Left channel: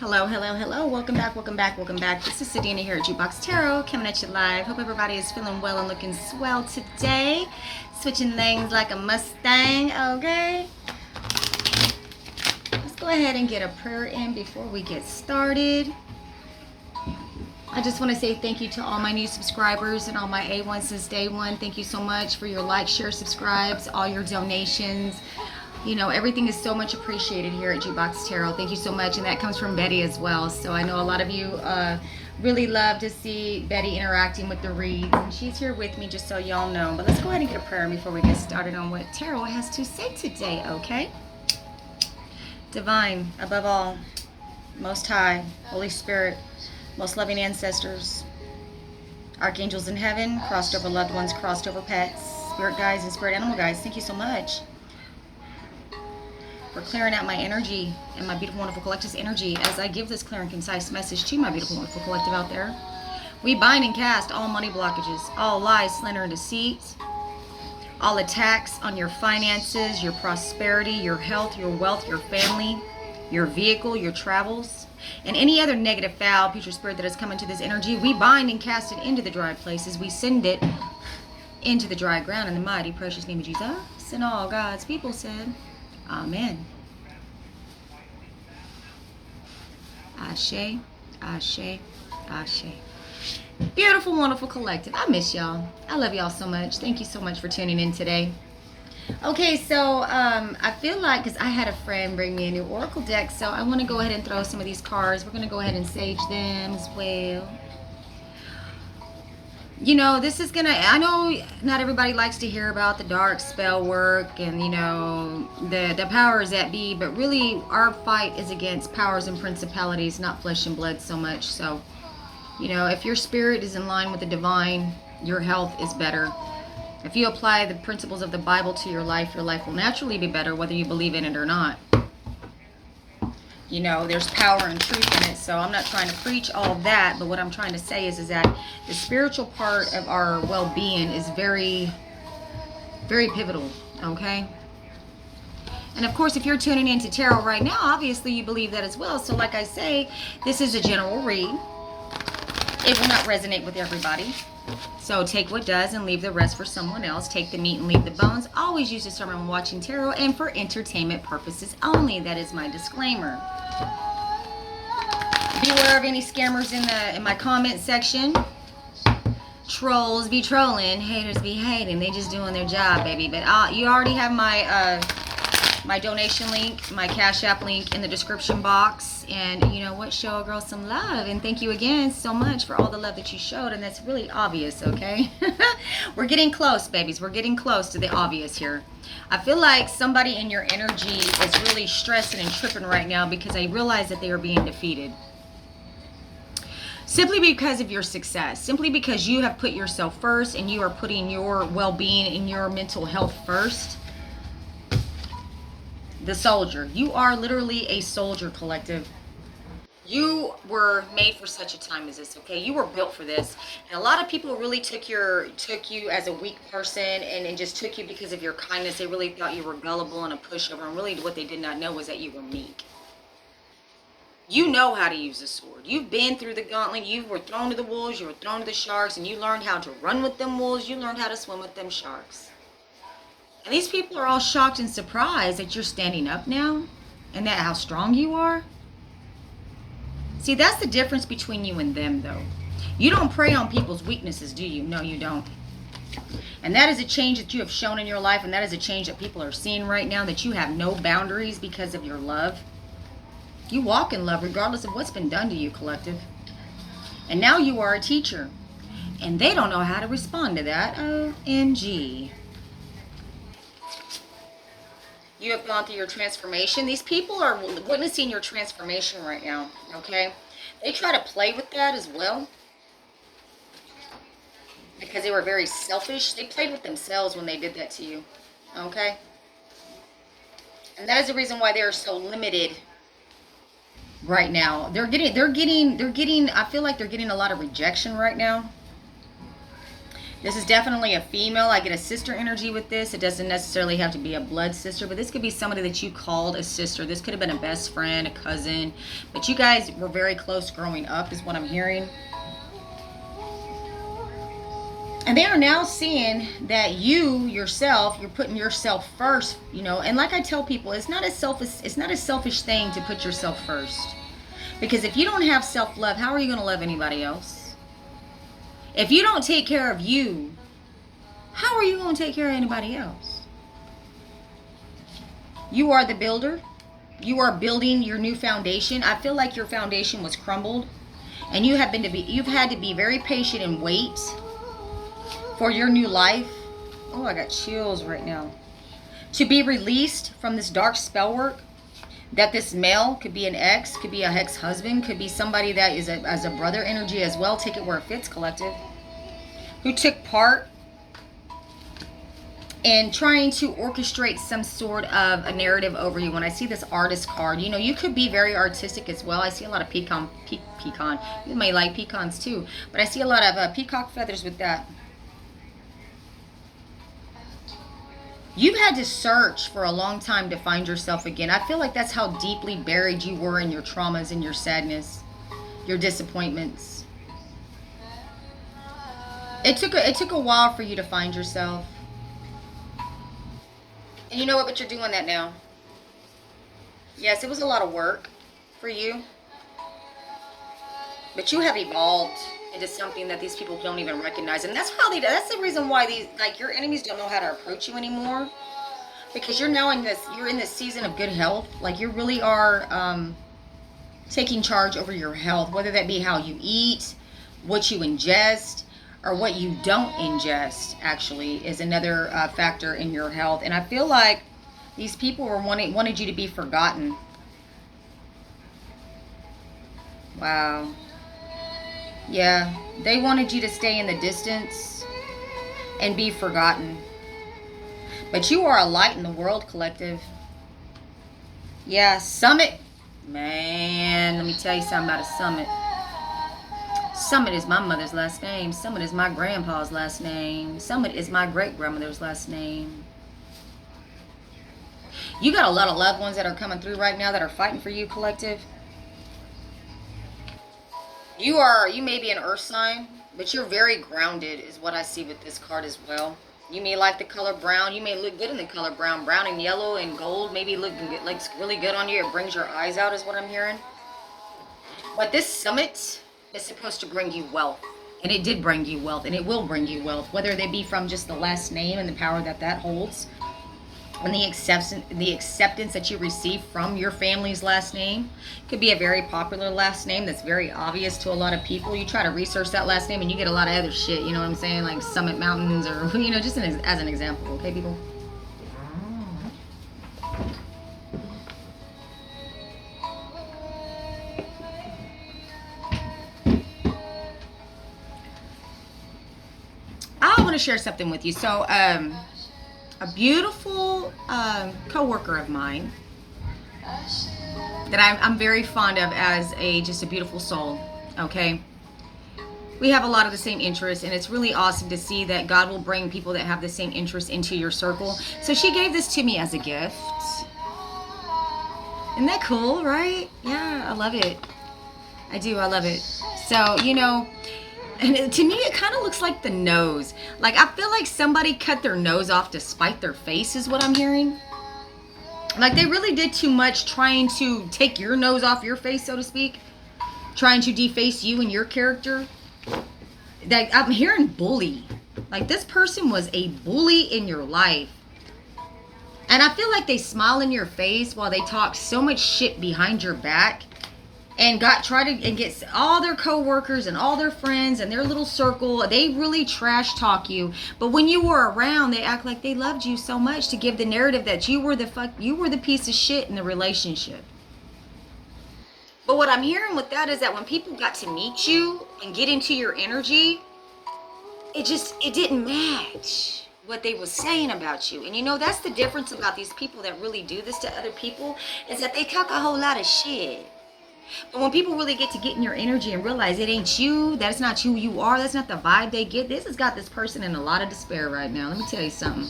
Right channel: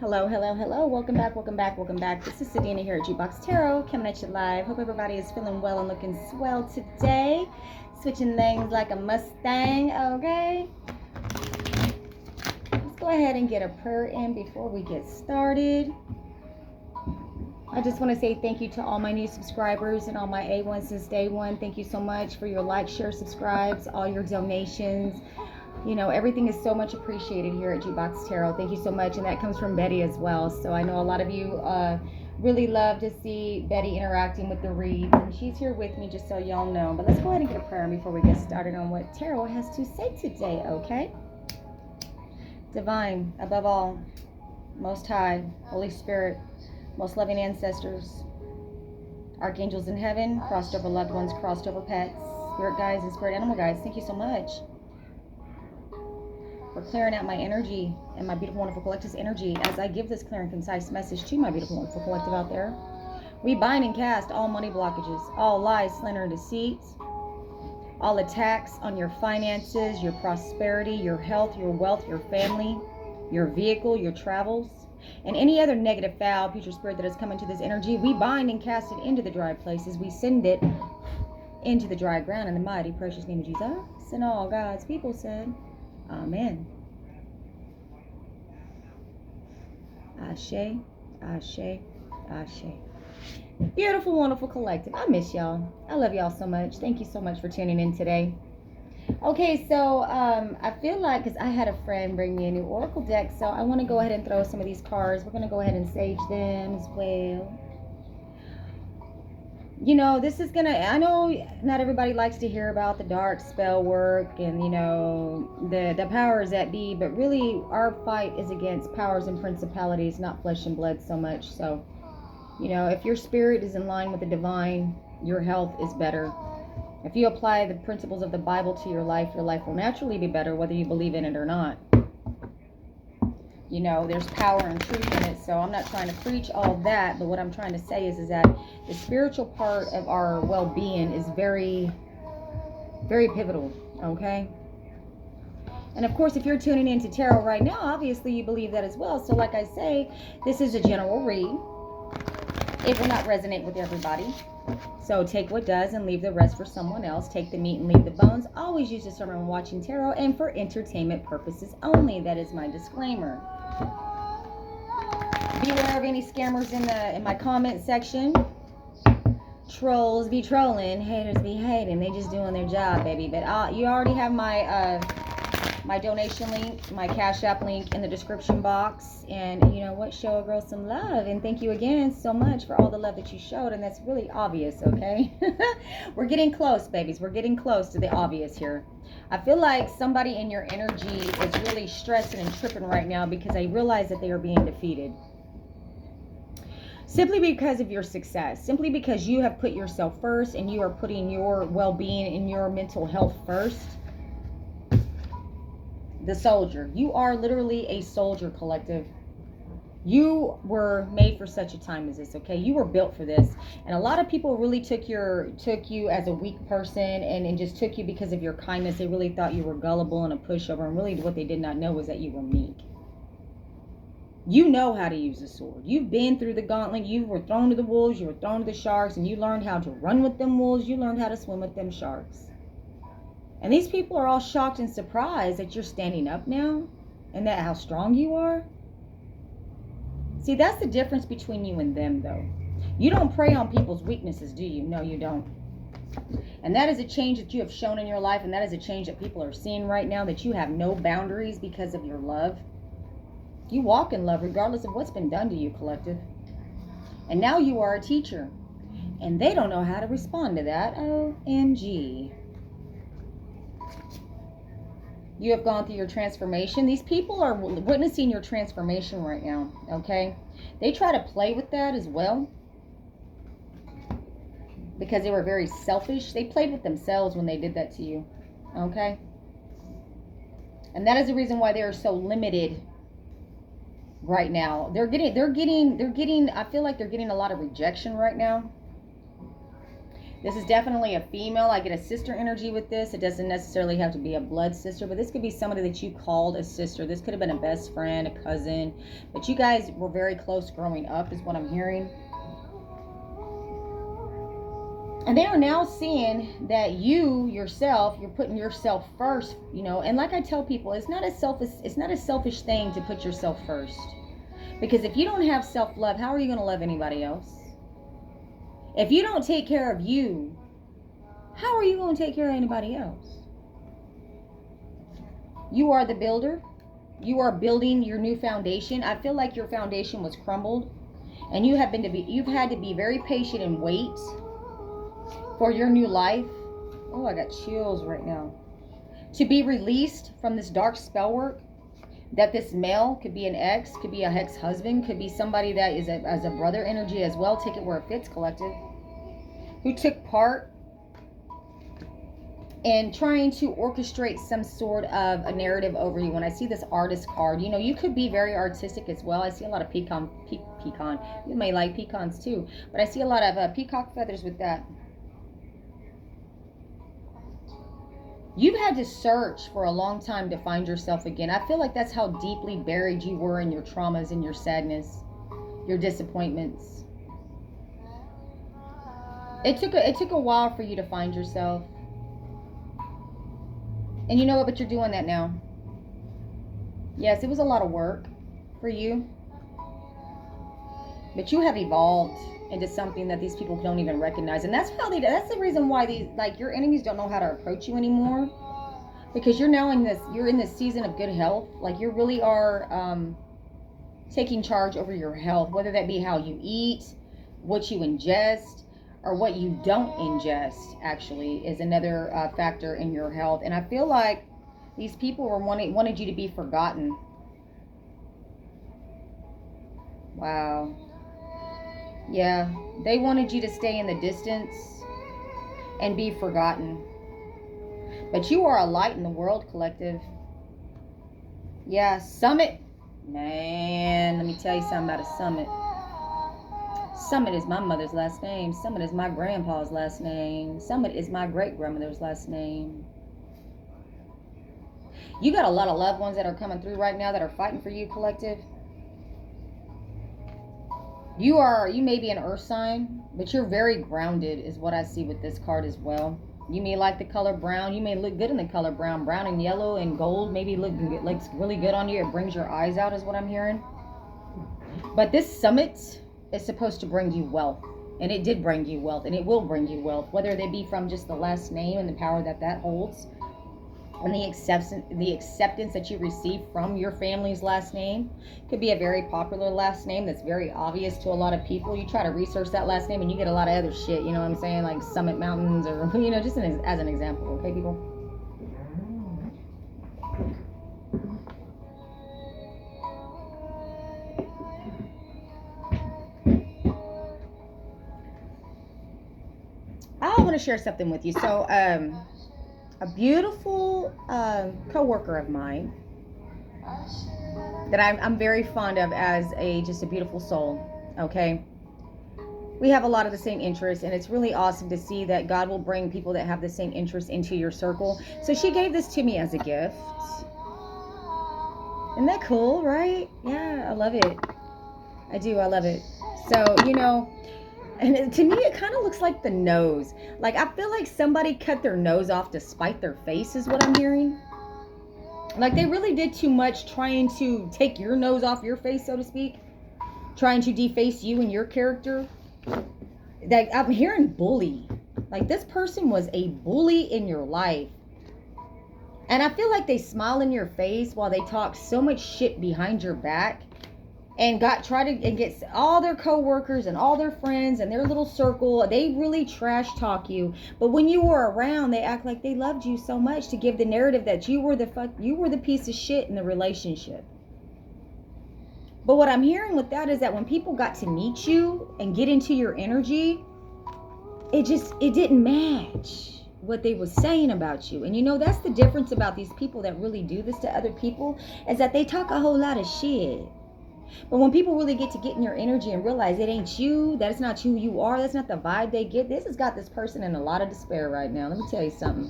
Hello, hello, hello. Welcome back, welcome back, welcome back. This is Sadina here at Jukebox Tarot, coming at you live. Hope everybody is feeling well and looking swell today. Switching things like a Mustang, okay? Let's go ahead and get a prayer in before we get started. I just want to say thank you to all my new subscribers and all my A1 since day one. Thank you so much for your likes, shares, subscribes, all your donations. You know, everything is so much appreciated here at Jukebox Tarot. Thank you so much. And that comes from Betty as well. So I know a lot of you really love to see Betty interacting with the reads. And she's here with me, just so y'all know. But let's go ahead and get a prayer before we get started on what Tarot has to say today, okay? Divine, above all, Most High, Holy Spirit, most loving ancestors, archangels in heaven, crossed over loved ones, crossed over pets, spirit guides and spirit animal guides. Thank you so much for clearing out my energy and my beautiful, wonderful collective's energy as I give this clear and concise message to my beautiful, wonderful collective out there. We bind and cast all money blockages, all lies, slander, and deceit, all attacks on your finances, your prosperity, your health, your wealth, your family, your vehicle, your travels, and any other negative, foul, future spirit that has come into this energy. We bind and cast it into the dry places. We send it into the dry ground in the mighty, precious name of Jesus. And all God's people said, Amen. Ashe, Ashe, Ashe. Beautiful, wonderful collective. I miss y'all. I love y'all so much. Thank you so much for tuning in today. Okay, so I feel like, because I had a friend bring me a new oracle deck, so I want to go ahead and throw some of these cards. We're going to go ahead and sage them as well. You know, this is gonna, I know not everybody likes to hear about the dark spell work and, you know, the powers that be, but really our fight is against powers and principalities, not flesh and blood so much. So, you know, if your spirit is in line with the divine, your health is better. If you apply the principles of the Bible to your life will naturally be better, whether you believe in it or not. You know, there's power and truth in it, so I'm not trying to preach all of that, but what I'm trying to say is that the spiritual part of our well-being is very, very pivotal, okay? And of course, if you're tuning into tarot right now, obviously you believe that as well. So like I say, this is a general read. It will not resonate with everybody. So take what does and leave the rest for someone else. Take the meat and leave the bones. Always use this term when watching tarot and for entertainment purposes only. That is my disclaimer. Beware of any scammers in my comment section. Trolls be trolling, haters be hating. They just doing their job, baby. But you already have my my donation link, my Cash App link in the description box. And you know what? Show a girl some love. And thank you again so much for all the love that you showed. And that's really obvious, okay? We're getting close, babies. We're getting close to the obvious here. I feel like somebody in your energy is really stressing and tripping right now because they realize that they are being defeated. Simply because of your success. Simply because you have put yourself first and you are putting your well-being and your mental health first. The soldier. You are literally a soldier, collective. You were made for such a time as this, okay? You were built for this. And a lot of people really took you as a weak person and just took you because of your kindness. They really thought you were gullible and a pushover. And really what they did not know was that you were meek. You know how to use a sword. You've been through the gauntlet. You were thrown to the wolves. You were thrown to the sharks. And you learned how to run with them wolves. You learned how to swim with them sharks. And these people are all shocked and surprised that you're standing up now. And that how strong you are. See, that's the difference between you and them, though. You don't prey on people's weaknesses, do you? No, you don't. And that is a change that you have shown in your life. And that is a change that people are seeing right now. That you have no boundaries because of your love. You walk in love regardless of what's been done to you, collective. And now you are a teacher. And they don't know how to respond to that. OMG. You have gone through your transformation. These people are witnessing your transformation right now, okay? They try to play with that as well. Because they were very selfish. They played with themselves when they did that to you, okay? And that is the reason why they are so limited right now. They're getting, I feel like they're getting a lot of rejection right now. This is definitely a female. I get a sister energy with this. It doesn't necessarily have to be a blood sister, but this could be somebody that you called a sister. This could have been a best friend, a cousin, but you guys were very close growing up is what I'm hearing. And they are now seeing that you yourself, you're putting yourself first, you know. And like I tell people, it's not a selfish thing to put yourself first. Because if you don't have self-love, how are you going to love anybody else? If you don't take care of you, how are you going to take care of anybody else? You are the builder. You are building your new foundation. I feel like your foundation was crumbled, and you've had to be very patient and wait for your new life. Oh, I got chills right now. To be released from this dark spell work. That this male could be an ex, could be a ex-husband, could be somebody that is as a brother energy as well. Take it where it fits, collective. Who took part in trying to orchestrate some sort of a narrative over you. When I see this artist card, you know, you could be very artistic as well. I see a lot of pecan. You may like pecans too, but I see a lot of peacock feathers with that. You've had to search for a long time to find yourself again. I feel like that's how deeply buried you were in your traumas and your sadness, your disappointments. It took a while for you to find yourself. And you know what? But you're doing that now. Yes, it was a lot of work for you. But you have evolved into something that these people don't even recognize. And that's that's the reason why your enemies don't know how to approach you anymore. Because you're now in this season of good health. Like you really are taking charge over your health, whether that be how you eat, what you ingest, or what you don't ingest, actually, is another factor in your health. And I feel like these people wanted you to be forgotten. Wow. Yeah, they wanted you to stay in the distance and be forgotten. But you are a light in the world, collective. Yeah, Summit. Man, let me tell you something about a Summit. Summit is my mother's last name. Summit is my grandpa's last name. Summit is my great-grandmother's last name. You got a lot of loved ones that are coming through right now that are fighting for you, collective. You may be an earth sign, but you're very grounded is what I see with this card as well. You may like the color brown. You may look good in the color brown. Brown and yellow and gold maybe looks really good on you. It brings your eyes out is what I'm hearing. But this summit is supposed to bring you wealth. And it did bring you wealth. And it will bring you wealth. Whether they be from just the last name and the power that holds. And the acceptance that you receive from your family's last name. Could be a very popular last name that's very obvious to a lot of people. You try to research that last name and you get a lot of other shit, you know what I'm saying? Like Summit Mountains or, you know, just as an example, okay, people? I want to share something with you. So, a beautiful co-worker of mine that I'm very fond of as just a beautiful soul, okay? We have a lot of the same interests, and it's really awesome to see that God will bring people that have the same interests into your circle. So she gave this to me as a gift. Isn't that cool, right? Yeah, I love it. I do, I love it. So, you know, and to me, it kind of looks like the nose. Like, I feel like somebody cut their nose off to spite their face is what I'm hearing. Like, they really did too much trying to take your nose off your face, so to speak. Trying to deface you and your character. Like, I'm hearing bully. Like, this person was a bully in your life. And I feel like they smile in your face while they talk so much shit behind your back. And get all their co-workers and all their friends and their little circle. They really trash talk you. But when you were around, they act like they loved you so much to give the narrative that you were the piece of shit in the relationship. But what I'm hearing with that is that when people got to meet you and get into your energy, it didn't match what they were saying about you. And you know, that's the difference about these people that really do this to other people, is that they talk a whole lot of shit. But when people really get in your energy and realize it ain't you, that it's not who you are, that's not the vibe they get, this has got this person in a lot of despair right now. Let me tell you something.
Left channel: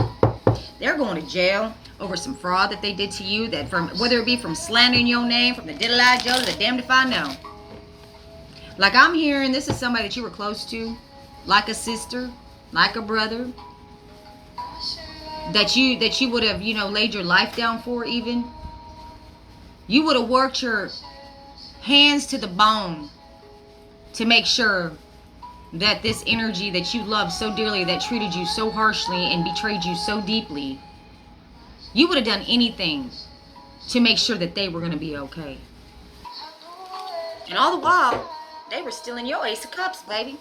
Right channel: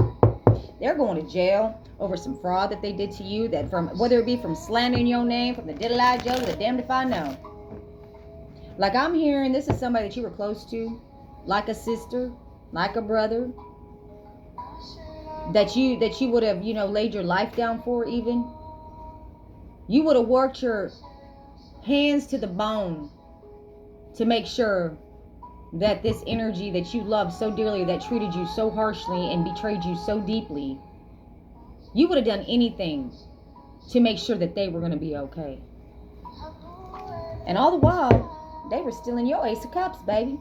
They're going to jail over some fraud that they did to you, that from whether it be from slandering your name, from the diddle-eye Joe to the damned if I know. Like I'm hearing, this is somebody that you were close to, like a sister, like a brother, that you would have, laid your life down for even. You would have worked your hands to the bone to make sure that this energy that you loved so dearly, that treated you so harshly and betrayed you so deeply, you would have done anything to make sure that they were going to be okay. And all the while, they were stealing your Ace of Cups, baby.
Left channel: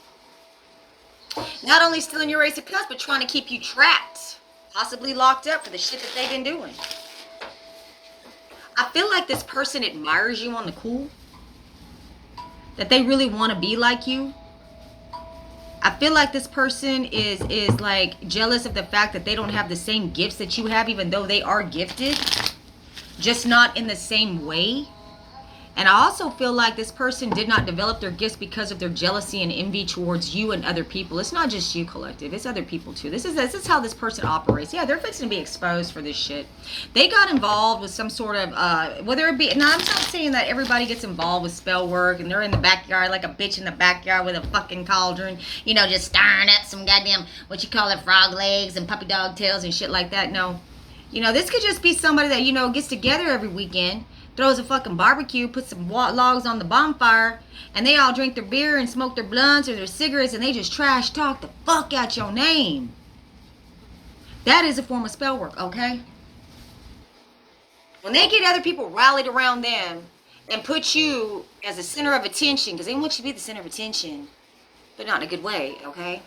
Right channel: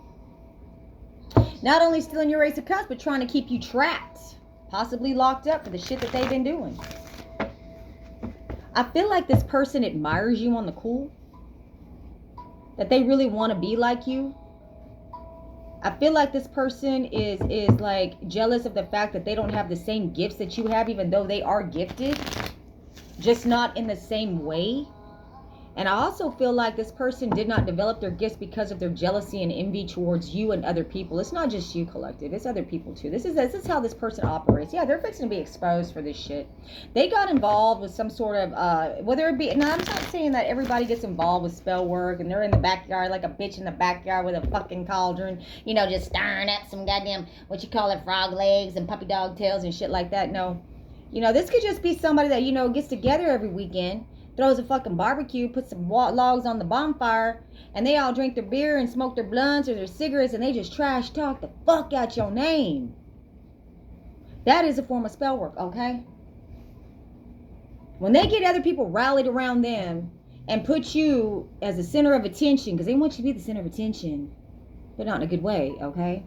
Not only stealing your Ace of Cups, but trying to keep you trapped, possibly locked up for the shit that they've been doing. I feel like this person admires you on the cool, that they really want to be like you. I feel like this person is like jealous of the fact that they don't have the same gifts that you have, even though they are gifted, just not in the same way. And I also feel like this person did not develop their gifts because of their jealousy and envy towards you and other people. It's not just you, collective. It's other people too. This is how this person operates. Yeah, they're fixing to be exposed for this shit. They got involved with some sort of, whether it be, now I'm not saying that everybody gets involved with spell work and they're in the backyard like a bitch in the backyard with a fucking cauldron, just stirring up some goddamn, what you call it, frog legs and puppy dog tails and shit like that. No. This could just be somebody that, gets together every weekend, throws a fucking barbecue, puts some logs on the bonfire, and they all drink their beer and smoke their blunts or their cigarettes, and they just trash talk the fuck out your name. That is a form of spell work, okay? When they get other people rallied around them and put you as a center of attention, because they want you to be the center of attention, but not in a good way, okay?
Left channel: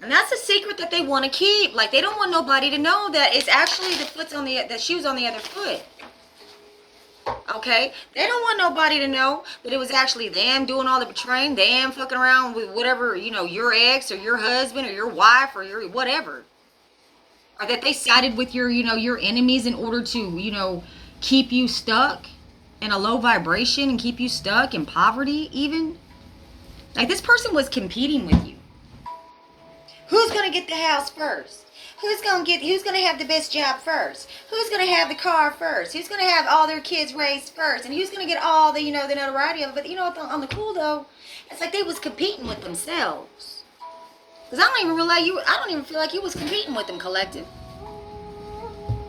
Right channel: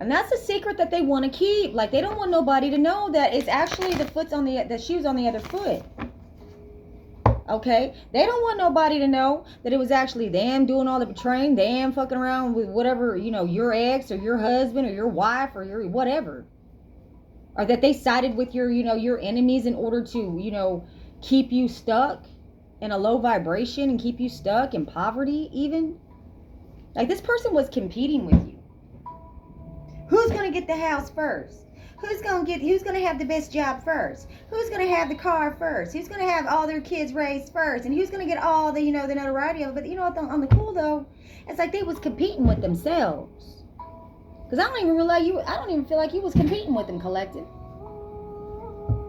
And that's a secret that they want to keep. Like, they don't want nobody to know that it's actually the shoes on the other foot. Okay? They don't want nobody to know that it was actually them doing all the betraying, them fucking around with whatever, your ex or your husband or your wife or your whatever. Or that they sided with your enemies in order to, keep you stuck in a low vibration and keep you stuck in poverty even. Like, this person was competing with you. Who's going to get the house first? Who's going to have the best job first? Who's going to have the car first? Who's going to have all their kids raised first? And who's going to get all the, the notoriety of it? But on the cool though, it's like they was competing with themselves. Because I don't even feel like you was competing with them, collective.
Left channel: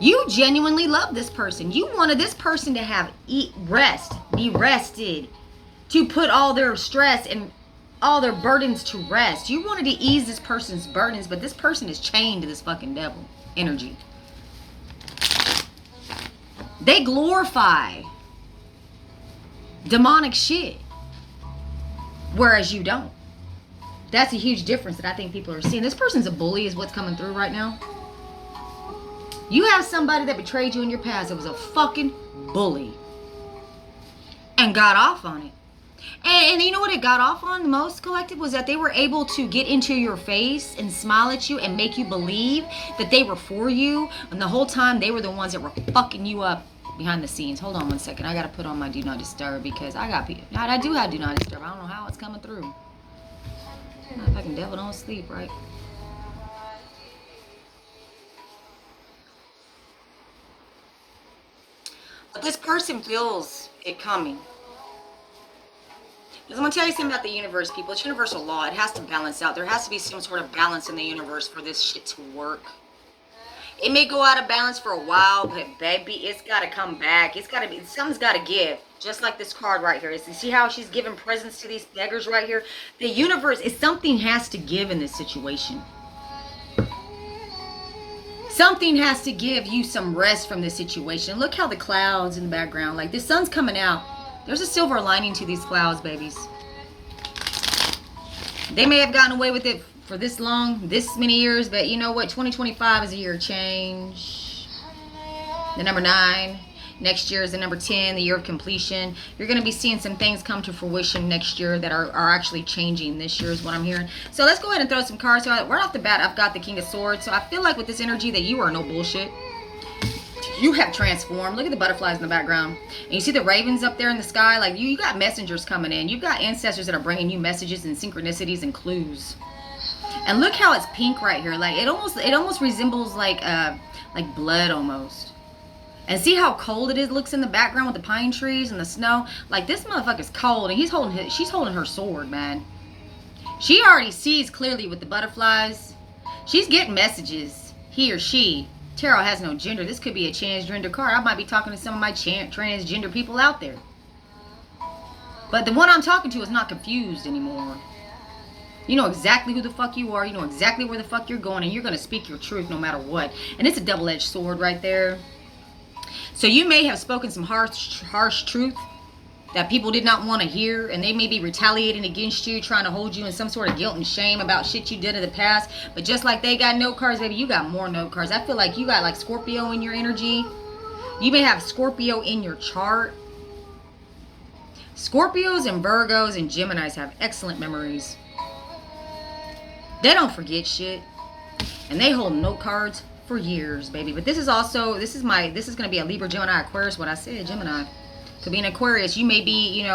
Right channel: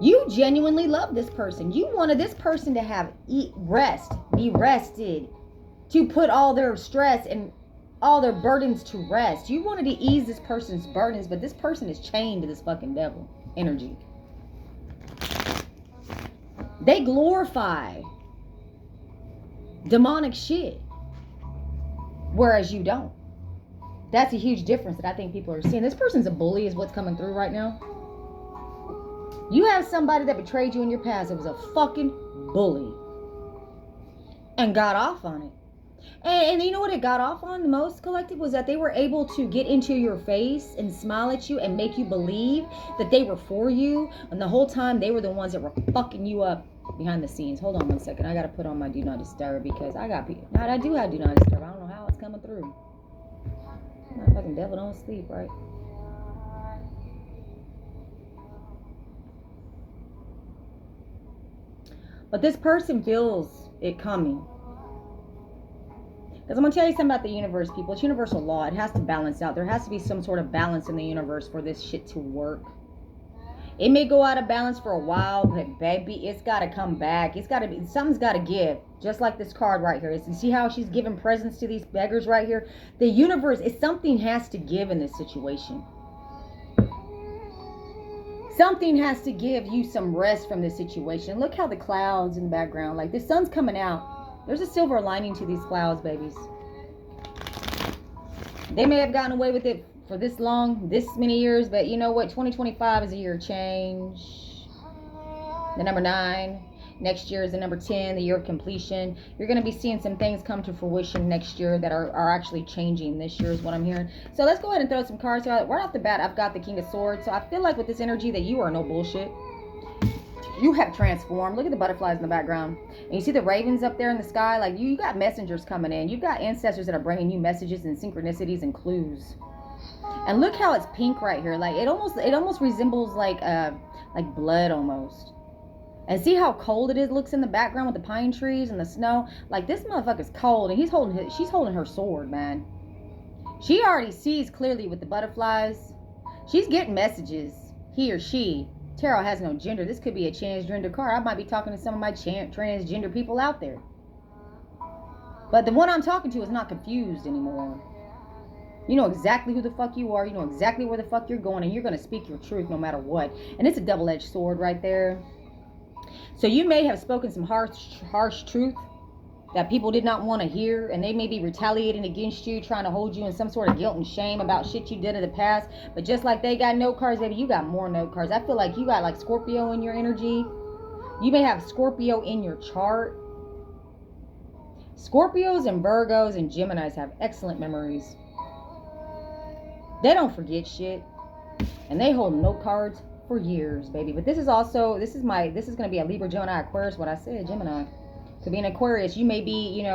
You genuinely love this person. You wanted this person to be rested, to put all their stress and all their burdens to rest. You wanted to ease this person's burdens, but this person is chained to this fucking devil energy. They glorify demonic shit, whereas you don't. That's a huge difference that I think people are seeing. This person's a bully is what's coming through right now. You have somebody that betrayed you in your past that was a fucking bully and got off on it. And you know what it got off on the most, collective, was that they were able to get into your face and smile at you and make you believe that they were for you. And the whole time they were the ones that were fucking you up behind the scenes. Hold on one second. I got to put on my do not disturb because I do have do not disturb. I don't know how it's coming through. That fucking devil don't sleep, right? But this person feels it coming. Because I'm going to tell you something about the universe, people. It's universal law. It has to balance out. There has to be some sort of balance in the universe for this shit to work. It may go out of balance for a while, but baby, it's got to come back. Something's got to give. Just like this card right here. You see how she's giving presents to these beggars right here? The universe, something has to give in this situation. Something has to give you some rest from this situation. Look how the clouds in the background, like the sun's coming out. There's a silver lining to these clouds, babies. They may have gotten away with it for this long, this many years, but you know what? 2025 is a year of change. The number 9. Next year is the number 10, the year of completion. You're going to be seeing some things come to fruition next year that are actually changing this year is what I'm hearing. So let's go ahead and throw some cards. So right off the bat, I've got the King of Swords. So I feel like with this energy that you are no bullshit. You have transformed. Look at the butterflies in the background. And you see the ravens up there in the sky? Like, you got messengers coming in. You've got ancestors that are bringing you messages and synchronicities and clues. And look how it's pink right here. Like, it almost resembles like blood almost. And see how cold it is? Looks in the background with the pine trees and the snow. Like, this motherfucker's cold, and she's holding her sword, man. She already sees clearly with the butterflies. She's getting messages. He or she. Tarot has no gender. This could be a transgender card. I might be talking to some of my transgender people out there. But the one I'm talking to is not confused anymore. You know exactly who the fuck you are. You know exactly where the fuck you're going. And you're going to speak your truth no matter what. And it's a double-edged sword right there. So you may have spoken some harsh truth that people did not want to hear, and they may be retaliating against you, trying to hold you in some sort of guilt and shame about shit you did in the past. But just like they got note cards, baby, you got more note cards. I feel like you got like Scorpio in your energy. You may have Scorpio in your chart. Scorpios and Virgos and Geminis have excellent memories. They don't forget shit, and they hold note cards for years, baby. But this is going to be a Libra, Gemini, Aquarius. What I said, Gemini. Could be an Aquarius. You may be,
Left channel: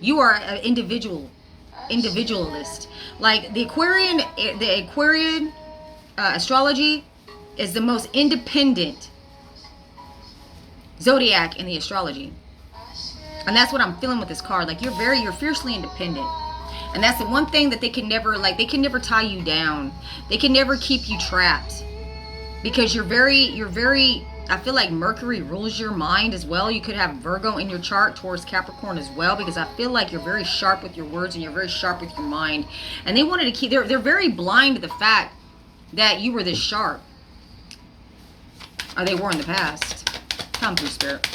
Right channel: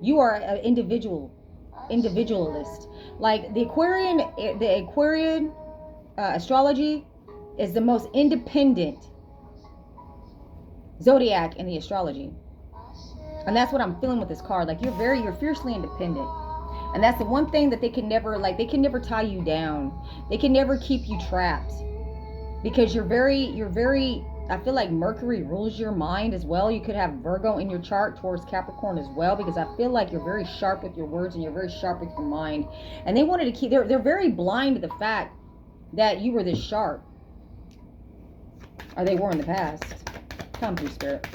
you are an individualist. Like the Aquarian astrology is the most independent zodiac in the astrology. And that's what I'm feeling with this card. Like you're fiercely independent. And that's the one thing that they can never tie you down. They can never keep you trapped. Because you're very, I feel like Mercury rules your mind as well. You could have Virgo in your chart towards Capricorn as well, because I feel like you're very sharp with your words and you're very sharp with your mind. And they wanted to keep, they're very blind to the fact that you were this sharp. Or they were in the past. Come through, Spirit.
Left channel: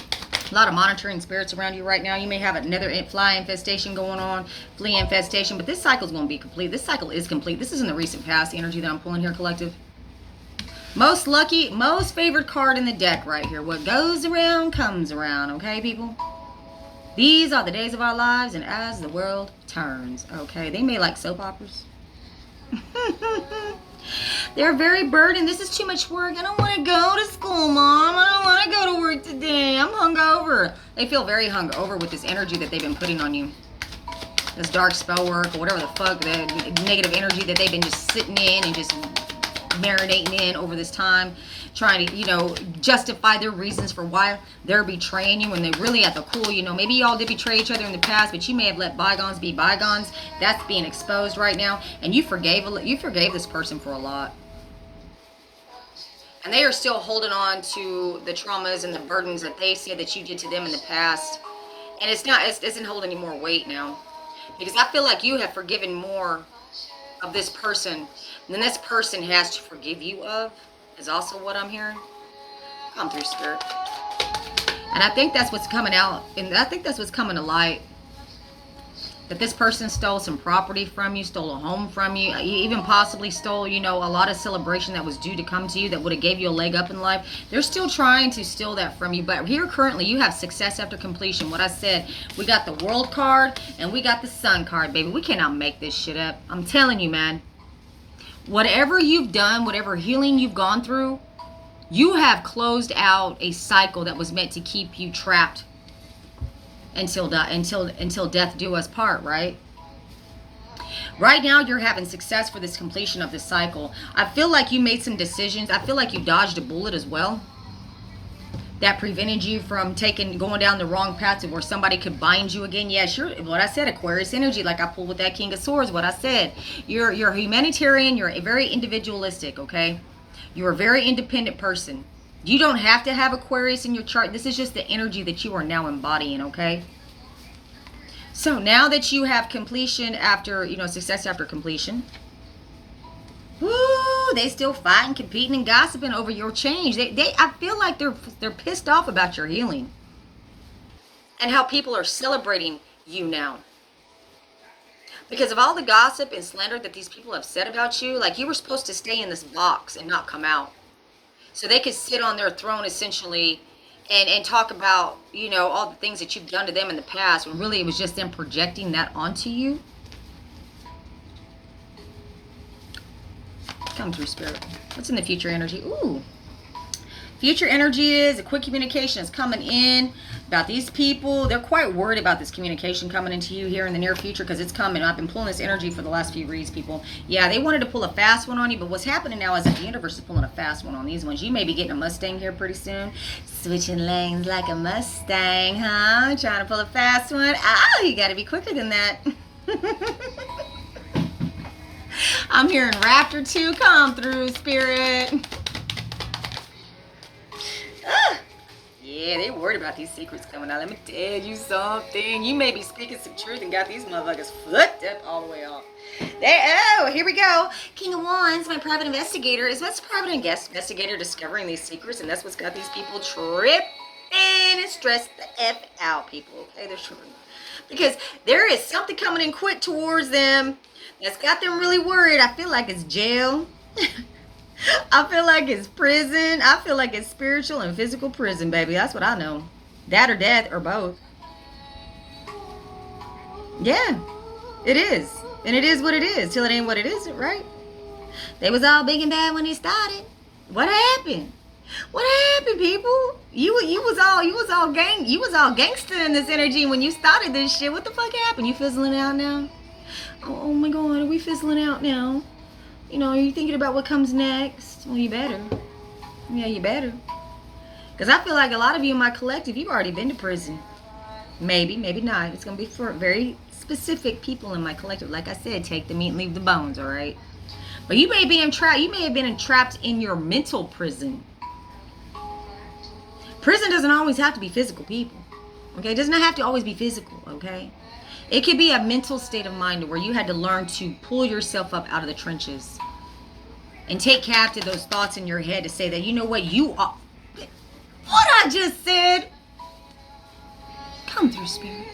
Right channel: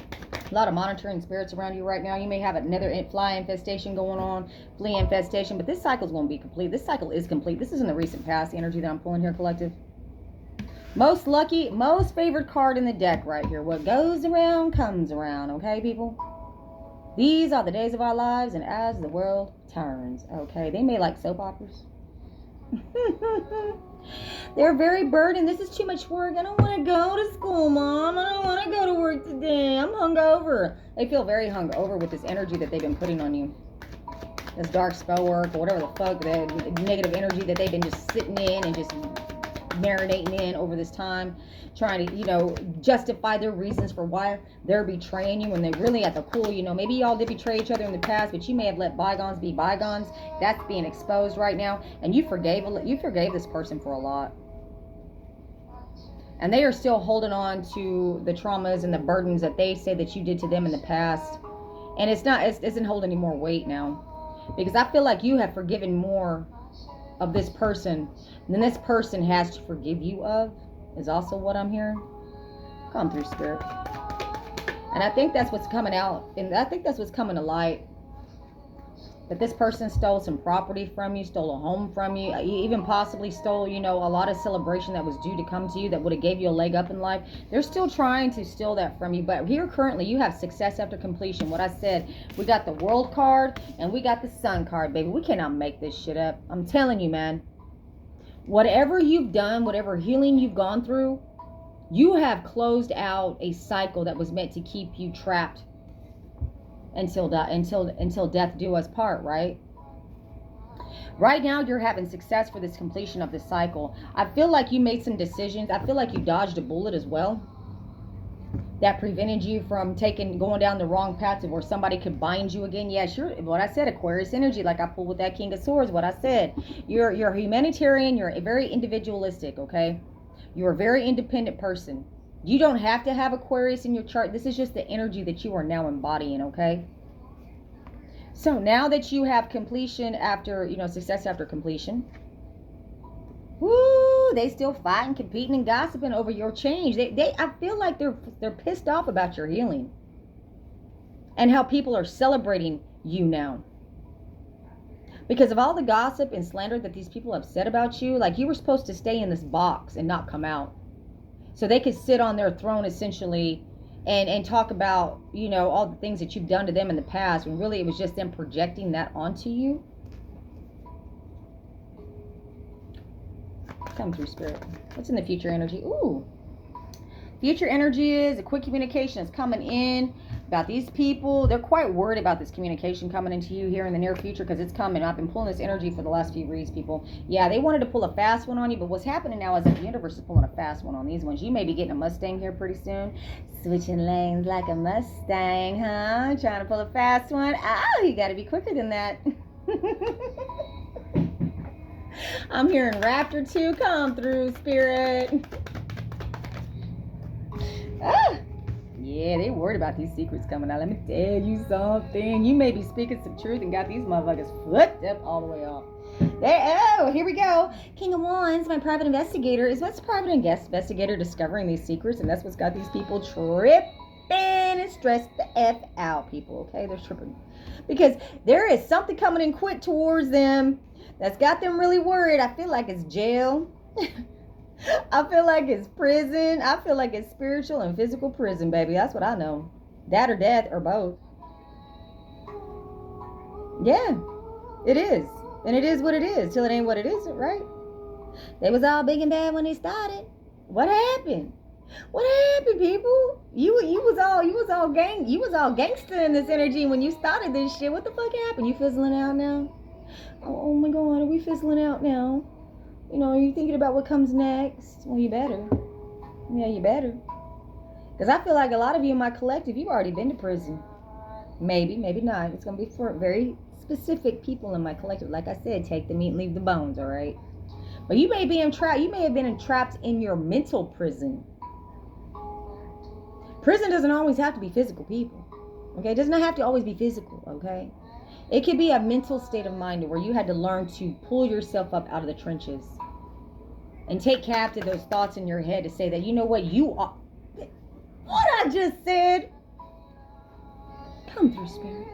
A lot of monitoring spirits around you right now. You may have another fly infestation going on, flea infestation, but this cycle is going to be complete. This cycle is complete. This is in the recent past, the energy that I'm pulling here, collective. Most lucky, most favored card in the deck right here. What goes around comes around, okay, people? These are the days of our lives, and as the world turns, okay? They may like soap operas. They're very burdened. This is too much work. I don't want to go to school, Mom. I don't want to go to work today. I'm hungover. They feel very hungover with this energy that they've been putting on you. This dark spell work or whatever the fuck, the negative energy that they've been just sitting in and just marinating in over this time, trying to, justify their reasons for why they're betraying you when they're really at the core. Maybe y'all did betray each other in the past, but you may have let bygones be bygones. That's being exposed right now, and you forgave this person for a lot, and they are still holding on to the traumas and the burdens that they said that you did to them in the past, and it doesn't hold any more weight now, because I feel like you have forgiven more of this person than this person has to forgive you of, is also what I'm hearing. Come through, Spirit. And I think that's what's coming out, and I think that's what's coming to light. That this person stole some property from you, stole a home from you, even possibly stole, a lot of celebration that was due to come to you that would have gave you a leg up in life. They're still trying to steal that from you. But here currently, you have success after completion. What I said, we got the World card and we got the Sun card, baby. We cannot make this shit up. I'm telling you, man. Whatever you've done, whatever healing you've gone through, you have closed out a cycle that was meant to keep you trapped until death do us part, right? Right now, you're having success for this completion of this cycle. I feel like you made some decisions. I feel like you dodged a bullet as well that prevented you from going down the wrong path to where somebody could bind you again. Yeah, sure. What I said, Aquarius energy, like I pulled with that King of Swords, what I said. You're a humanitarian. You're very individualistic, okay? You're a very independent person. You don't have to have Aquarius in your chart. This is just the energy that you are now embodying, okay? So now that you have completion after, success after completion, woo, they still fighting, competing, and gossiping over your change. I feel like they're pissed off about your healing and how people are celebrating you now. Because of all the gossip and slander that these people have said about you, like you were supposed to stay in this box and not come out. So they could sit on their throne essentially and talk about, all the things that you've done to them in the past, when really it was just them projecting that onto you. Come through, Spirit. What's in the future energy? Ooh. Future energy is a quick communication is coming in about these people. They're quite worried about this communication coming into you here in the near future because it's coming. I've been pulling this energy for the last few reads, people. Yeah, they wanted to pull a fast one on you, but what's happening now is that the universe is pulling a fast one on these ones. You may be getting a Mustang here pretty soon. Switching lanes like a Mustang, huh? Trying to pull a fast one. Oh, you got to be quicker than that. I'm hearing Raptor 2 come through, Spirit. Yeah, they worried about these secrets coming out. Let me tell you something. You may be speaking some truth and got these motherfuckers flipped up all the way off. Here we go. King of Wands, my private investigator. Is what's private investigator discovering these secrets, and that's what's got these people tripping and stressed the F out, people. Okay, they're tripping. Because there is something coming in quick towards them that's got them really worried. I feel like it's jail. I feel like it's prison. I feel like it's spiritual and physical prison, baby. That's what I know. That or death or both. Yeah, it is. And it is what it is till it ain't what it isn't, right? They was all big and bad when they started. What happened? What happened, people? You was all gangster in this energy when you started this shit. What the fuck happened? You fizzling out now? Oh my God, are we fizzling out now? You know, are you thinking about what comes next? Well, you better. Yeah, you better. Because I feel like a lot of you in my collective, you've already been to prison. Maybe, maybe not. It's going to be for very specific people in my collective. Like I said, take the meat and leave the bones, all right? But you may be entrapped. You may have been entrapped in your mental prison. Prison doesn't always have to be physical, people. Okay? It does not have to always be physical, okay? It could be a mental state of mind where you had to learn to pull yourself up out of the trenches and take captive those thoughts in your head to say that, you know what, you are. What I just said. Come through, Spirit.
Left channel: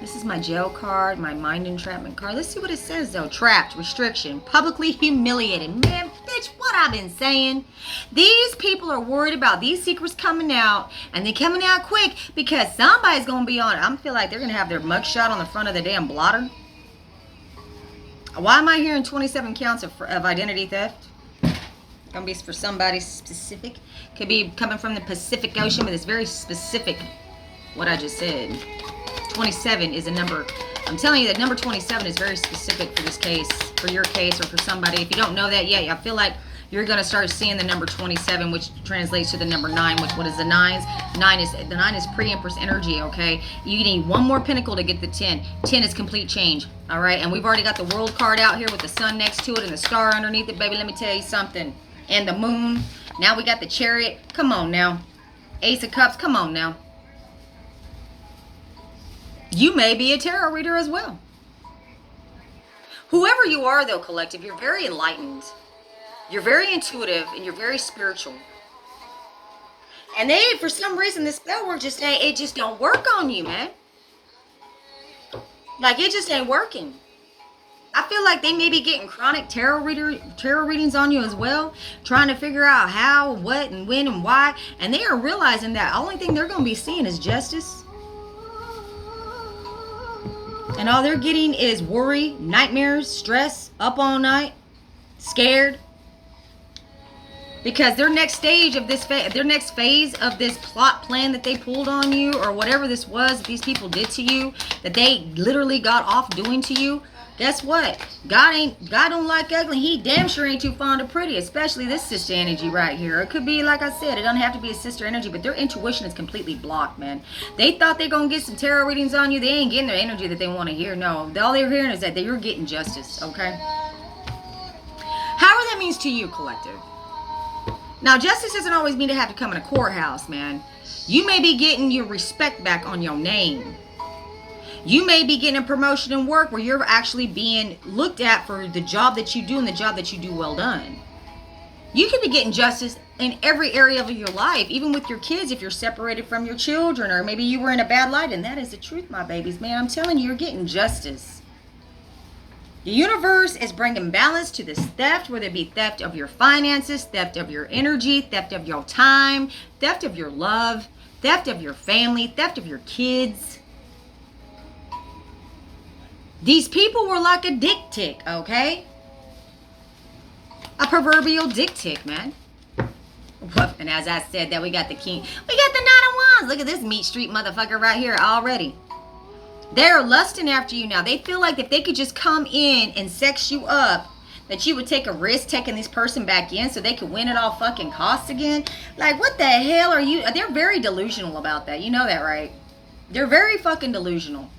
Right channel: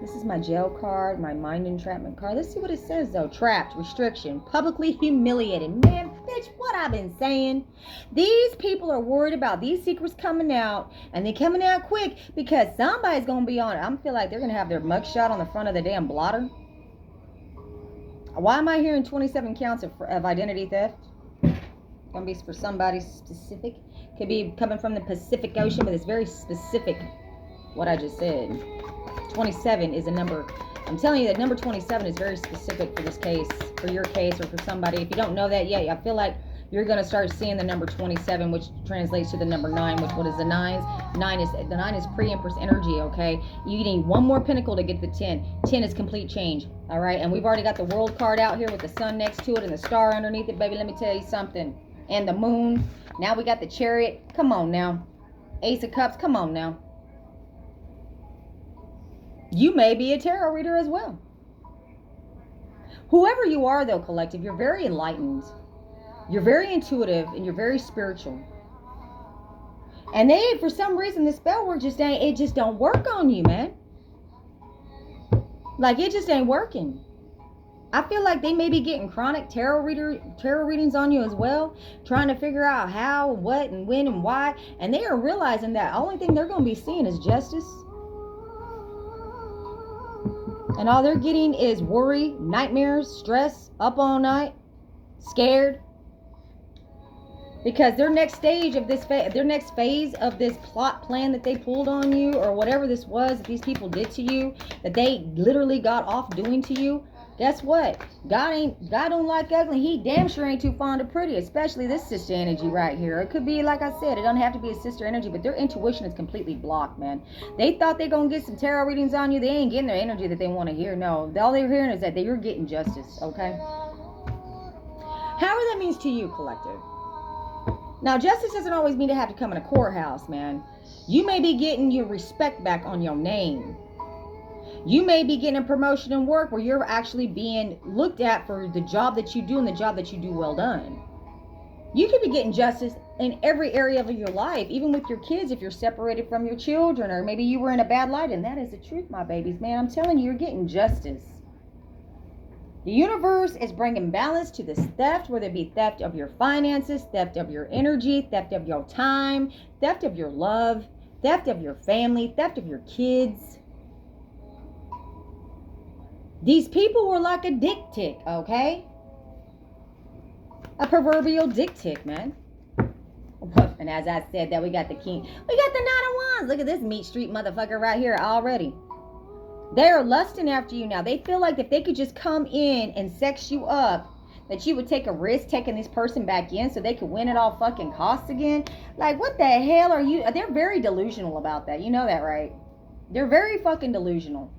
This is my jail card, my mind entrapment card. Let's see what it says, though. Trapped, restriction, publicly humiliated. Man, bitch, what I've been saying. These people are worried about these secrets coming out, and they're coming out quick because somebody's going to be on it. I feel like they're going to have their mugshot on the front of the damn blotter. Why am I hearing 27 counts of identity theft? Going to be for somebody specific. Could be coming from the Pacific Ocean, but it's very specific what I just said. 27 is a number. I'm telling you that number 27 is very specific for this case, for your case, or for somebody. If you don't know that yet, I feel like you're going to start seeing the number 27, which translates to the number 9, which what is the 9s? The 9 is pre-empress energy, okay? You need one more pinnacle to get the 10. 10 is complete change, all right? And we've already got the world card out here with the sun next to it and the star underneath it, baby. Let me tell you something. And the moon. Now we got the chariot. Come on now. Ace of Cups. Come on now. You may be a tarot reader as well. Whoever you are, though, collective, you're very enlightened. You're very intuitive and you're very spiritual. And they, for some reason, this spell work just don't work on you, man. Like, it just ain't working. I feel like they may be getting chronic tarot readings on you as well, trying to figure out how, what, and when, and why. And they are realizing that the only thing they're going to be seeing is justice. And all they're getting is worry, nightmares, stress, up all night, scared. Because their next stage of this, their next phase of this plot plan that they pulled on you, or whatever this was that these people did to you, that they literally got off doing to you. Guess what? God don't like ugly. He damn sure ain't too fond of pretty, especially this sister energy right here. It could be, like I said, it doesn't have to be a sister energy, but their intuition is completely blocked, man. They thought they're going to get some tarot readings on you. They ain't getting their energy that they want to hear. No, all they're hearing is that you're getting justice, okay? However that means to you, collective. Now, justice doesn't always mean to have to come in a courthouse, man. You may be getting your respect back on your name. You may be getting a promotion in work where you're actually being looked at for the job that you do and the job that you do well done. You could be getting justice in every area of your life, even with your kids if you're separated from your children, or maybe you were in a bad light, and that is the truth, my babies. Man, I'm telling you, you're getting justice. The universe is bringing balance to this theft, whether it be theft of your finances, theft of your energy, theft of your time, theft of your love, theft of your family, theft of your kids. These people were like a dick tick, okay? A proverbial dick tick, man. And as I said, that we got the king. We got the Nine of Wands. Look at this meat street motherfucker right here already. They're lusting after you now. They feel like if they could just come in and sex you up, that you would take a risk taking this person back in so they could win at all fucking costs again. Like, what the hell are you? They're very delusional about that. You know that, right? They're very fucking delusional.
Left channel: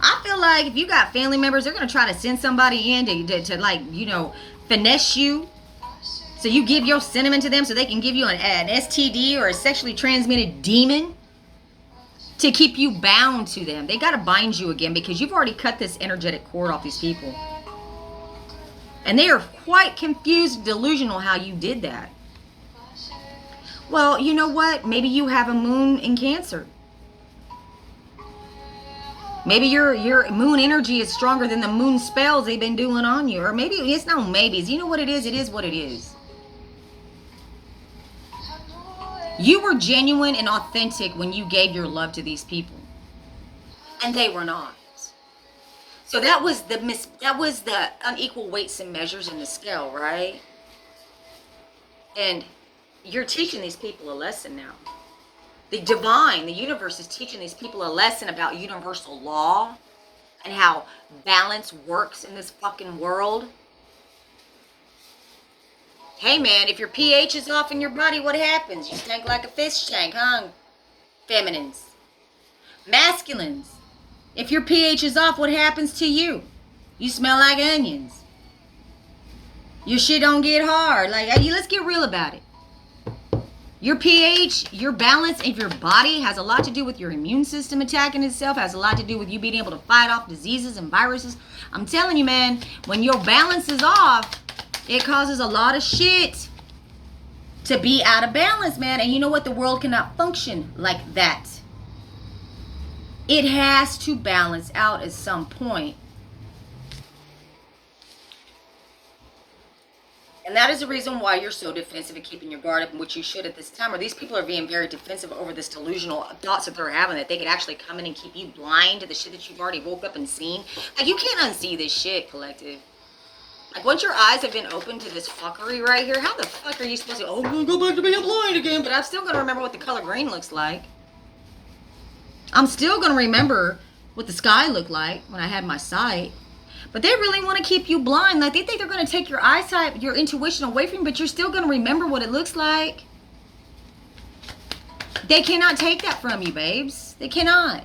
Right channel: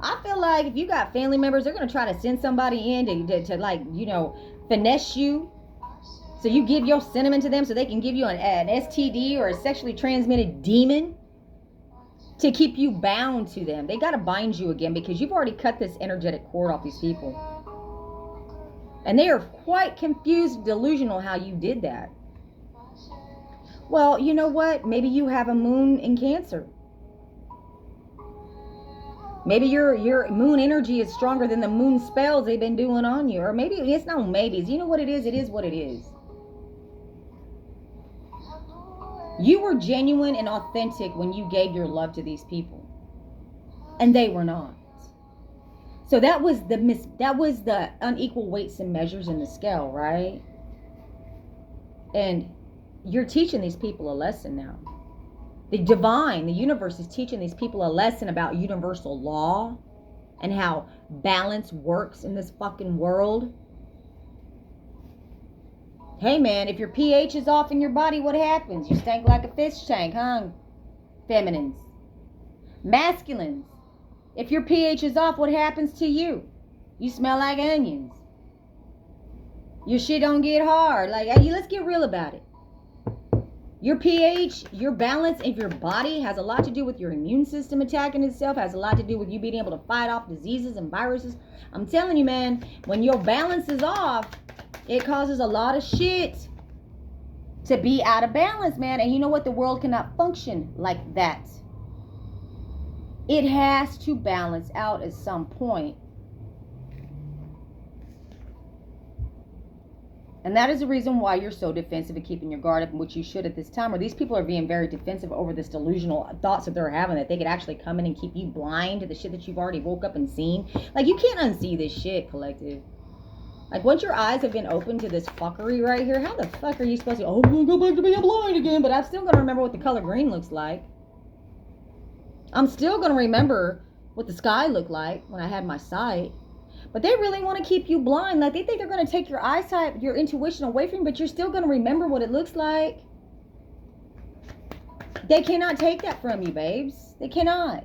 I feel like if you got family members, they're going to try to send somebody in to like, you know, finesse you. So you give your cinnamon to them so they can give you an STD or a sexually transmitted demon to keep you bound to them. They got to bind you again because you've already cut this energetic cord off these people. And they are quite confused, delusional how you did that. Well, you know what? Maybe you have a moon in Cancer. Maybe your moon energy is stronger than the moon spells they've been doing on you. Or maybe it's no maybes. You know what it is? It is what it is. You were genuine and authentic when you gave your love to these people. And they were not. So that was the unequal weights and measures in the scale, right? And you're teaching these people a lesson now. The divine, the universe is teaching these people a lesson about universal law and how balance works in this fucking world. Hey man, if your pH is off in your body, what happens? You stink like a fish tank, huh? Feminines. Masculines. If your pH is off, what happens to you? You smell like onions. Your shit don't get hard. Like, let's get real about it. Your pH, your balance of your body has a lot to do with your immune system attacking itself, has a lot to do with you being able to fight off diseases and viruses. I'm telling you, man, when your balance is off, it causes a lot of shit to be out of balance, man. And you know what? The world cannot function like that. It has to balance out at some point. And that is the reason why you're so defensive and keeping your guard up, which you should at this time. Or these people are being very defensive over this delusional thoughts that they're having, that they could actually come in and keep you blind to the shit that you've already woke up and seen. Like, you can't unsee this shit, collective. Like, once your eyes have been open to this fuckery right here, how the fuck are you supposed to, oh, I'm going to go back to being blind again, but I'm still going to remember what the color green looks like. I'm still going to remember what the sky looked like when I had my sight. But they really want to keep you blind. Like, they think they're going to take your eyesight, your intuition away from you, but you're still going to remember what it looks like. They cannot take that from you, babes. They cannot.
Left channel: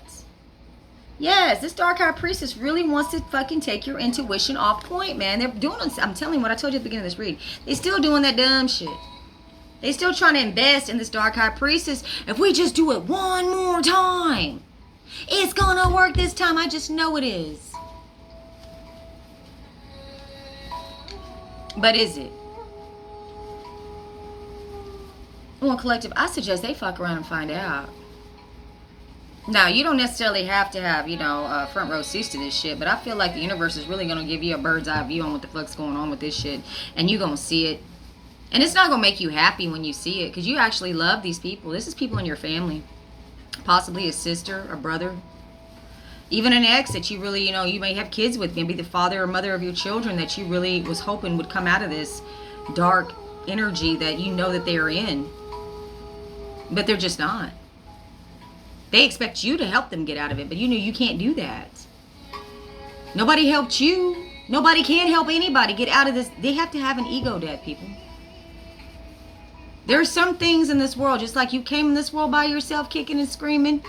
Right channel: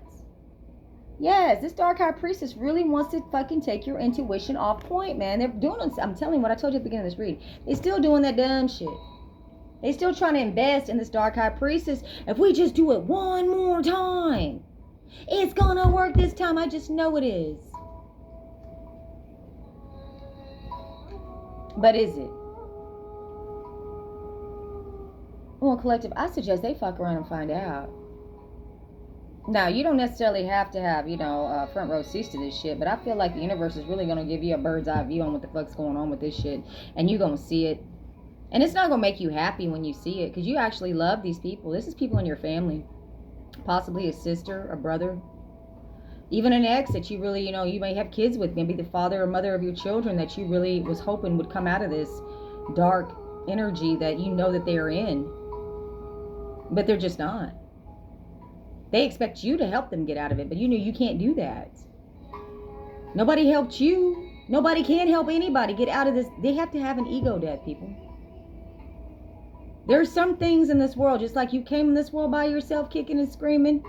Yes, this dark high priestess really wants to fucking take your intuition off point, man. They're doing, I'm telling you what I told you at the beginning of this read. They still doing that dumb shit. They still trying to invest in this dark high priestess. If we just do it one more time, it's gonna work this time. I just know it is. But is it? Well, collective, I suggest they fuck around and find out. Now, you don't necessarily have to have, you know, front row seats to this shit, but I feel like the universe is really going to give you a bird's eye view on what the fuck's going on with this shit, and you're going to see it. And it's not going to make you happy when you see it, because you actually love these people. This is people in your family. Possibly a sister, a brother. Even an ex that you really, you know, you may have kids with. Maybe the father or mother of your children that you really was hoping would come out of this dark energy that you know that they are in. But they're just not. They expect you to help them get out of it, but you know you can't do that. Nobody helped you. Nobody can help anybody get out of this. They have to have an ego death, people. There are some things in this world, just like you came in this world by yourself kicking and screaming,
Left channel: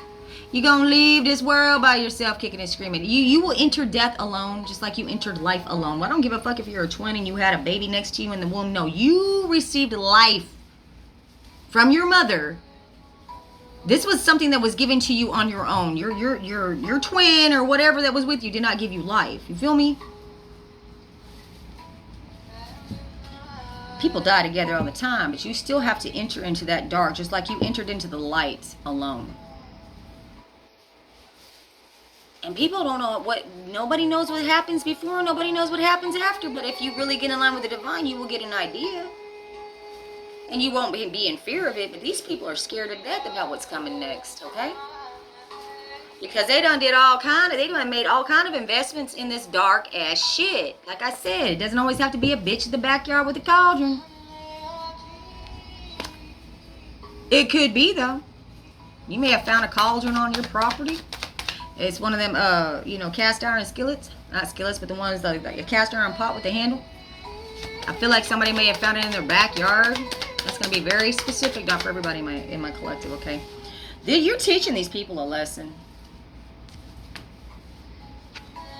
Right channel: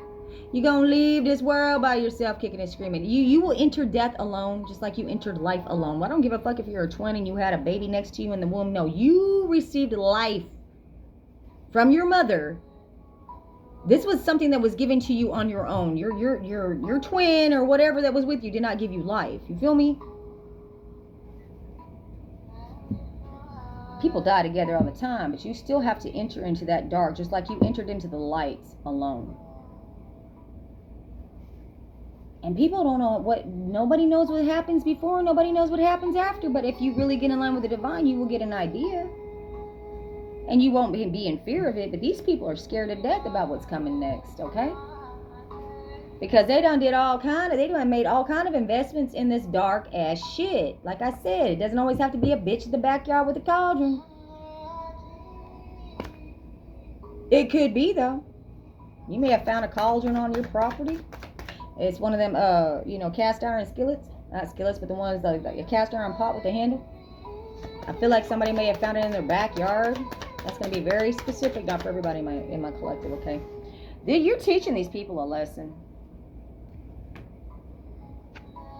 you're going to leave this world by yourself kicking and screaming. You will enter death alone, just like you entered life alone. Well, I don't give a fuck if you're a twin and you had a baby next to you in the womb. No, you received life from your mother. This was something that was given to you on your own. Your twin or whatever that was with you did not give you life. You feel me? People die together all the time, but you still have to enter into that dark, just like you entered into the light alone. And people don't know what, nobody knows what happens before, nobody knows what happens after, but if you really get in line with the divine, you will get an idea. And you won't be in fear of it, but these people are scared to death about what's coming next, okay? Because they done made all kind of investments in this dark ass shit. Like I said, it doesn't always have to be a bitch in the backyard with a cauldron. It could be, though. You may have found a cauldron on your property. It's one of them, cast iron skillets. Not skillets, but the ones like a cast iron pot with the handle. I feel like somebody may have found it in their backyard. That's going to be very specific, not for everybody in my collective, okay? You're teaching these people a lesson.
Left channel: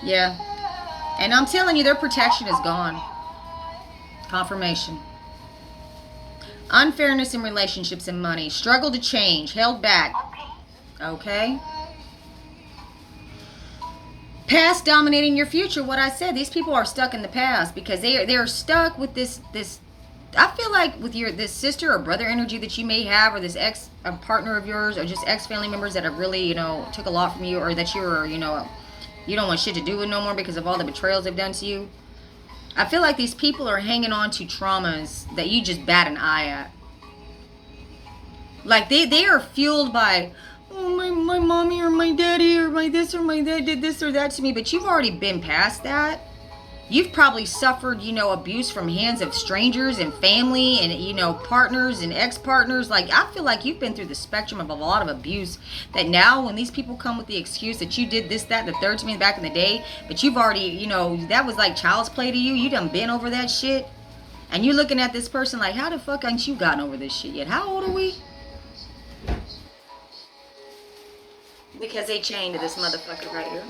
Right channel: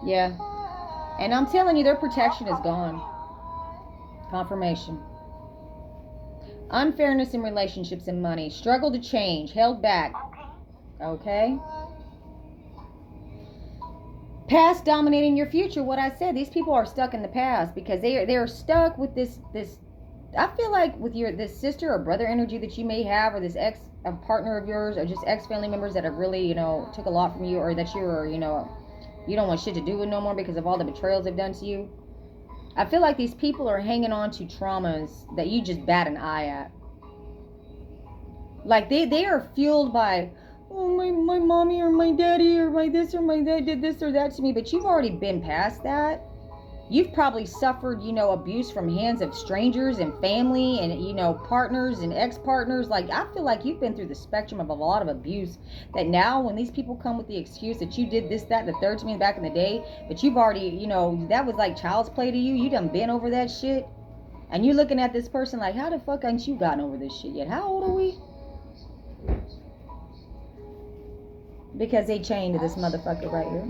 Yeah. And I'm telling you, their protection is gone. Confirmation. Unfairness in relationships and money. Struggle to change. Held back. Okay. Past dominating your future. What I said. These people are stuck in the past because they're stuck with this. I feel like with this sister or brother energy that you may have, or this ex partner of yours, or just ex family members that have really took a lot from you, or that you're you don't want shit to do with no more because of all the betrayals they've done to you. I feel like these people are hanging on to traumas that you just bat an eye at. Like they are fueled by, oh, my mommy or my daddy or my this or my dad did this or that to me. But you've already been past that. You've probably suffered, abuse from hands of strangers and family and, partners and ex-partners. Like, I feel like you've been through the spectrum of a lot of abuse that now when these people come with the excuse that you did this, that, the third to me back in the day, but you've already, that was like child's play to you. You done been over that shit. And you're looking at this person like, how the fuck ain't you gotten over this shit yet? How old are we? Because they chained to this motherfucker right here.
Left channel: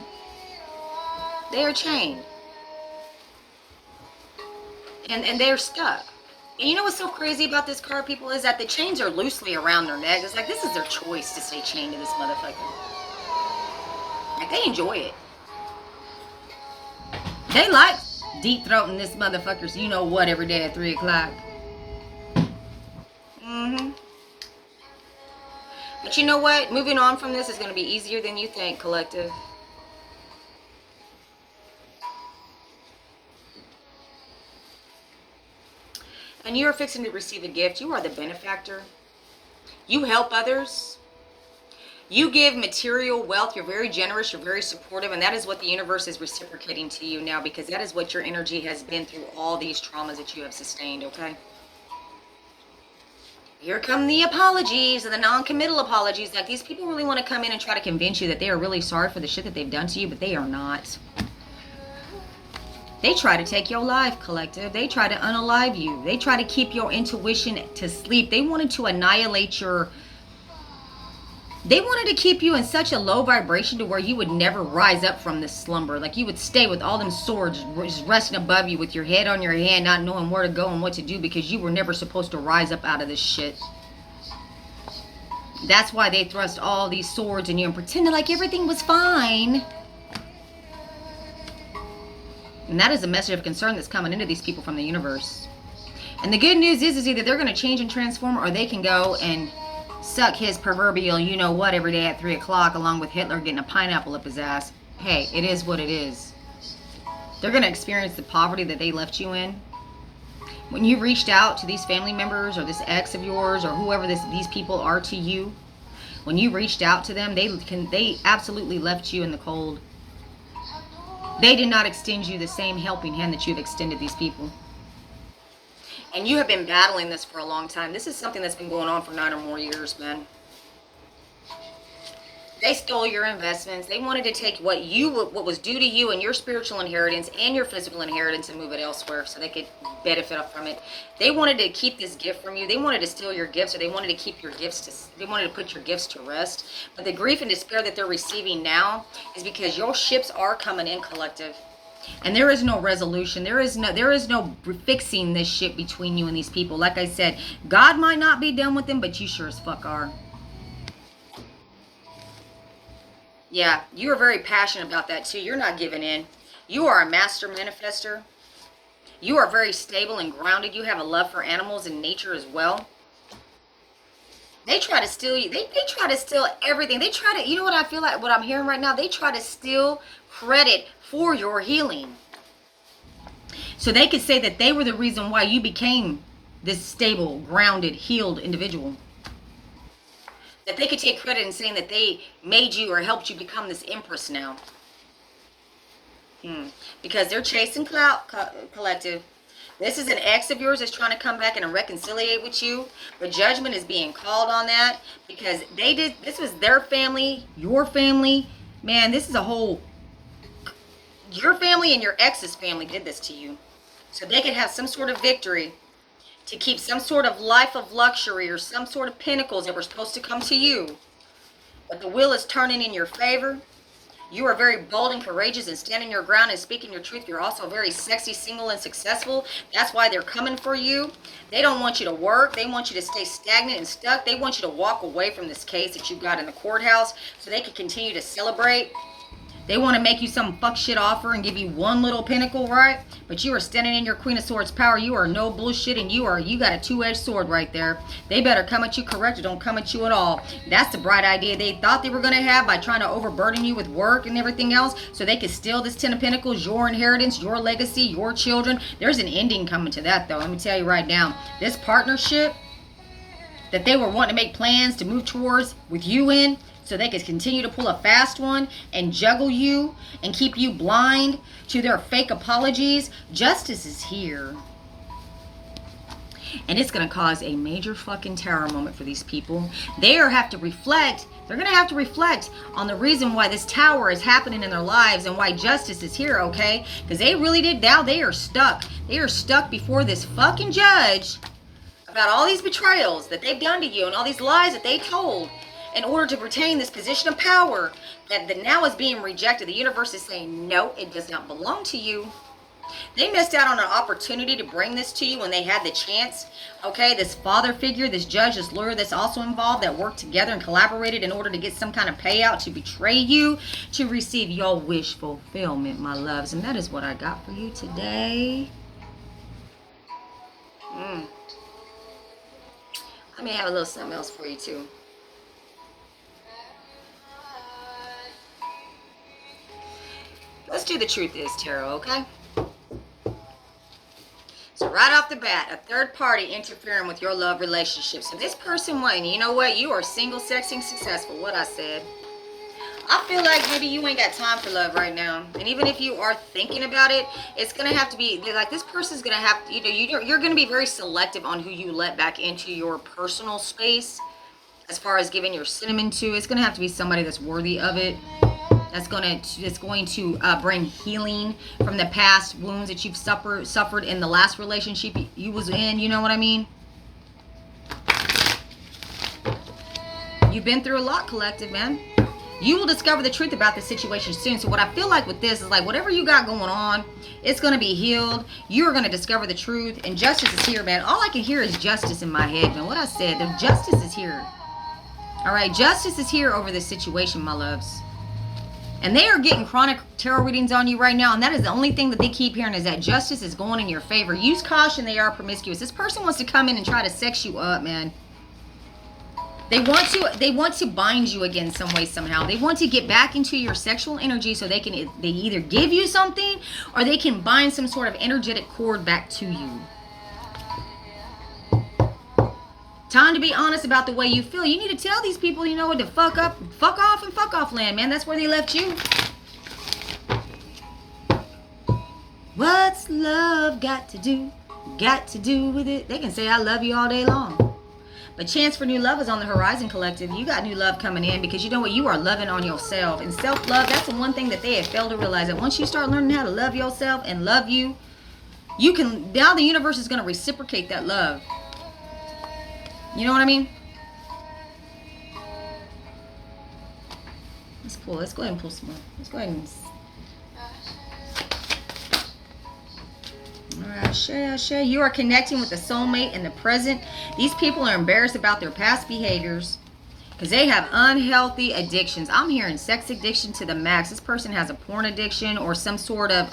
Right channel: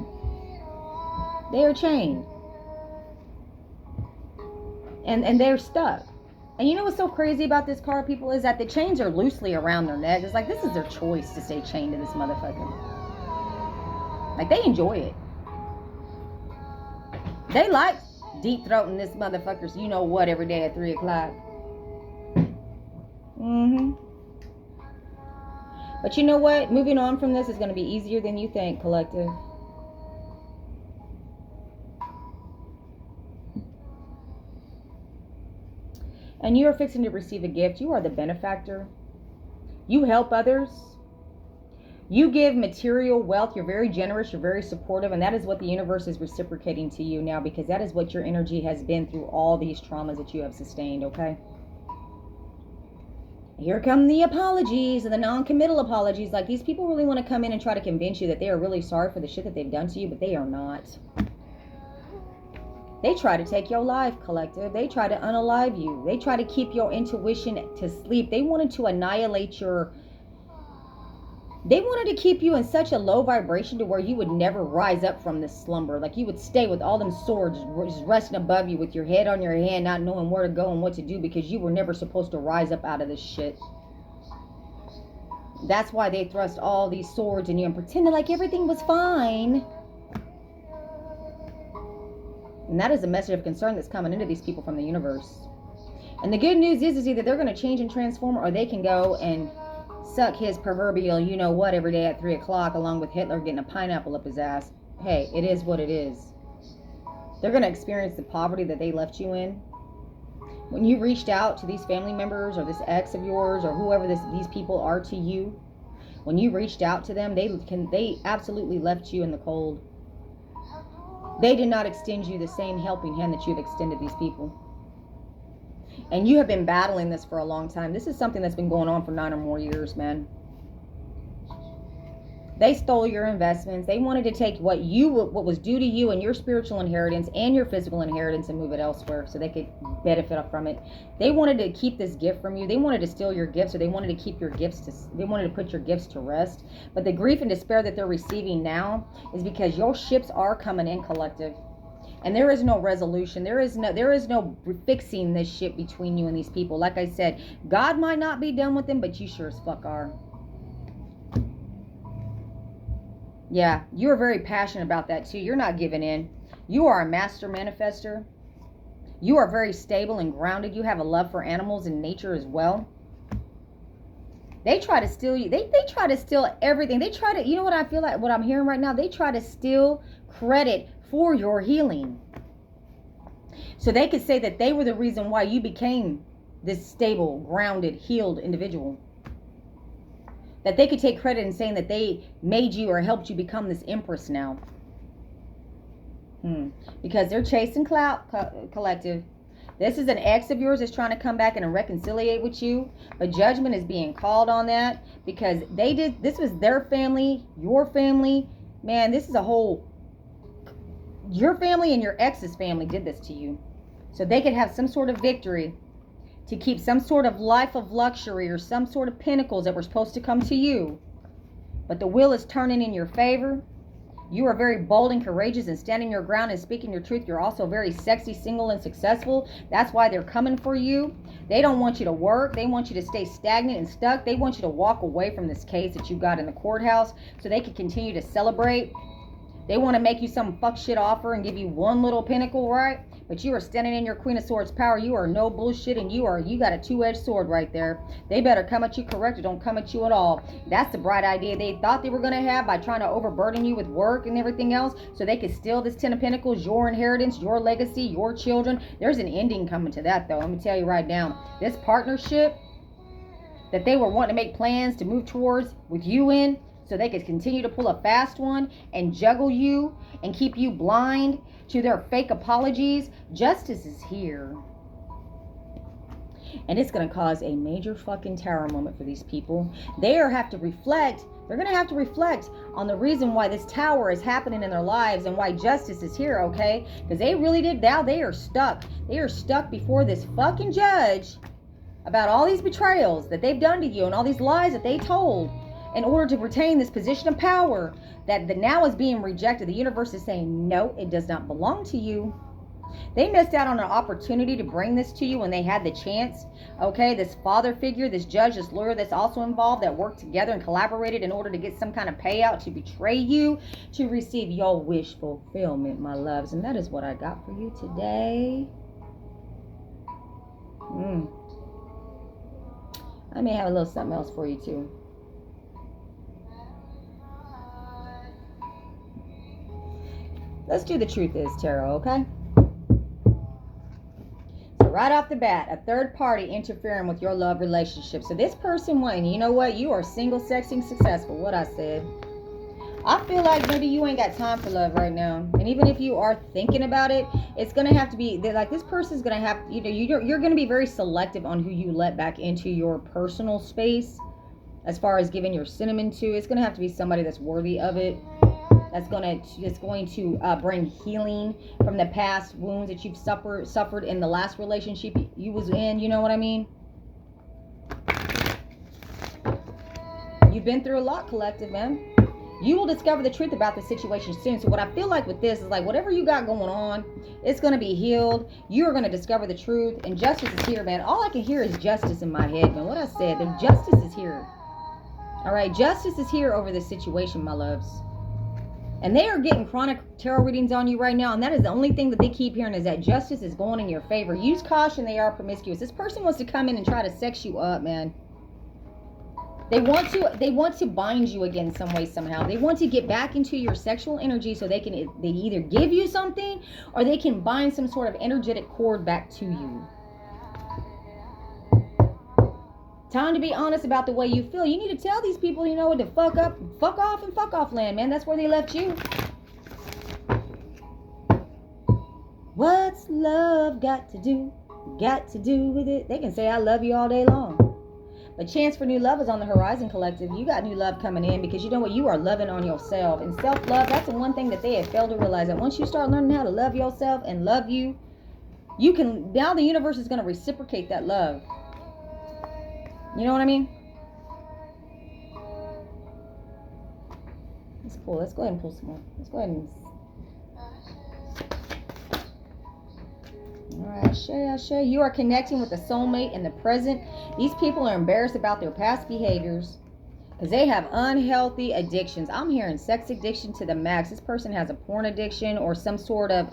They are chained. And they're stuck. And you know what's so crazy about this card, people, is that the chains are loosely around their neck. It's like this is their choice to stay chained to this motherfucker. Like, they enjoy it. They like deep throating this motherfucker's you-know-what every day at 3 o'clock. But you know what? Moving on from this is going to be easier than you think, collective. And you are fixing to receive a gift. You are the benefactor. You help others. You give material wealth. You're very generous. You're very supportive. And that is what the universe is reciprocating to you now, because that is what your energy has been through all these traumas that you have sustained, okay? Here come the apologies and the non-committal apologies. Like, these people really want to come in and try to convince you that they are really sorry for the shit that they've done to you, but they are not. They try to take your life, collective. They try to unalive you. They try to keep your intuition to sleep. They wanted to annihilate they wanted to keep you in such a low vibration to where you would never rise up from this slumber. Like, you would stay with all them swords just resting above you with your head on your hand, not knowing where to go and what to do, because you were never supposed to rise up out of this shit. That's why they thrust all these swords in you and pretended like everything was fine. And that is a message of concern that's coming into these people from the universe. And the good news is either they're going to change and transform, or they can go and suck his proverbial you-know-what every day at 3 o'clock, along with Hitler getting a pineapple up his ass. Hey, it is what it is. They're going to experience the poverty that they left you in. When you reached out to these family members or this ex of yours or whoever these people are to you, when you reached out to them, they absolutely left you in the cold. They did not extend you the same helping hand that you've extended these people. And you have been battling this for a long time. This is something that's been going on for 9 or more years, man. They stole your investments. They wanted to take what was due to you and your spiritual inheritance and your physical inheritance and move it elsewhere so they could benefit from it. They wanted to keep this gift from you. They wanted to steal your gifts, or they wanted to keep your gifts they wanted to put your gifts to rest. But the grief and despair that they're receiving now is because your ships are coming in, collective. And there is no resolution. There is no fixing this shit between you and these people. Like I said, God might not be done with them, but you sure as fuck are. Yeah, you are very passionate about that too. You're not giving in. You are a master manifester. You are very stable and grounded. You have a love for animals and nature as well. They try to steal you. They try to steal everything. They try to, you know what I feel like, what I'm hearing right now? They try to steal credit for your healing. So they could say that they were the reason why you became this stable, grounded, healed individual. that they could take credit in saying that they made you or helped you become this empress now. Because they're chasing clout, collective. This is an ex of yours that's trying to come back and reconciliate with you. But judgment is being called on that because this was their family, your family. Man, this is a whole, your family and your ex's family did this to you. So they could have some sort of victory to keep some sort of life of luxury or some sort of pinnacles that were supposed to come to you. But the wheel is turning in your favor. You are very bold and courageous and standing your ground and speaking your truth. You're also very sexy, single, and successful. That's why they're coming for you. They don't want you to work. They want you to stay stagnant and stuck. They want you to walk away from this case that you got in the courthouse so they can continue to celebrate. They want to make you some fuck shit offer and give you one little pinnacle, right? But you are standing in your Queen of Swords power. You are no bullshit, and you got a two-edged sword right there. They better come at you correct or don't come at you at all. That's the bright idea they thought they were going to have by trying to overburden you with work and everything else so they could steal this Ten of Pentacles, your inheritance, your legacy, your children. There's an ending coming to that, though. Let me tell you right now. This partnership that they were wanting to make plans to move towards with you in, so they could continue to pull a fast one and juggle you and keep you blind to their fake apologies. Justice is here. And it's going to cause a major fucking terror moment for these people. They're going to have to reflect on the reason why this tower is happening in their lives and why justice is here, okay? Because they really did, now they are stuck. They are stuck before this fucking judge about all these betrayals that they've done to you and all these lies that they told in order to retain this position of power that now is being rejected. The universe is saying, no, it does not belong to you. They missed out on an opportunity to bring this to you when they had the chance. Okay, this father figure, this judge, this lawyer that's also involved that worked together and collaborated in order to get some kind of payout to betray you, to receive your wish fulfillment, my loves. And that is what I got for you today. I may have a little something else for you too. Let's do the truth is tarot, okay? So right off the bat, a third party interfering with your love relationship. So this person went, you know what? You are single, sexy, and successful. What I said. I feel like maybe you ain't got time for love right now. And even if you are thinking about it, it's going to have to be, like this person's going to have, you're going to be very selective on who you let back into your personal space. As far as giving your cinnamon to, it's going to have to be somebody that's worthy of it. That's going to bring healing from the past wounds that you've suffered in the last relationship you was in. You know what I mean? You've been through a lot, collective, man. You will discover the truth about the situation soon. So what I feel like with this is like whatever you got going on, it's going to be healed. You're going to discover the truth. And justice is here, man. All I can hear is justice in my head, man. What I said, the justice is here. All right, justice is here over this situation, my loves. And they are getting chronic tarot readings on you right now. And that is the only thing that they keep hearing is that justice is going in your favor. Use caution. They are promiscuous. This person wants to come in and try to sex you up, man. They want to bind you again some way, somehow. They want to get back into your sexual energy so they either give you something or they can bind some sort of energetic cord back to you. Time to be honest about the way you feel. You need to tell these people, you know what, to fuck off and fuck off land, man. That's where they left you. What's love got to do with it? They can say I love you all day long. But chance for new love is on the horizon, collective. You got new love coming in because you know what? You are loving on yourself. And self-love, that's the one thing that they have failed to realize. That once you start learning how to love yourself and love you, now the universe is going to reciprocate that love. You know what I mean? Let's go ahead and pull some more. Let's go ahead and... Alright, Ashe. You are connecting with a soulmate in the present. These people are embarrassed about their past behaviors because they have unhealthy addictions. I'm hearing sex addiction to the max. This person has a porn addiction or some sort of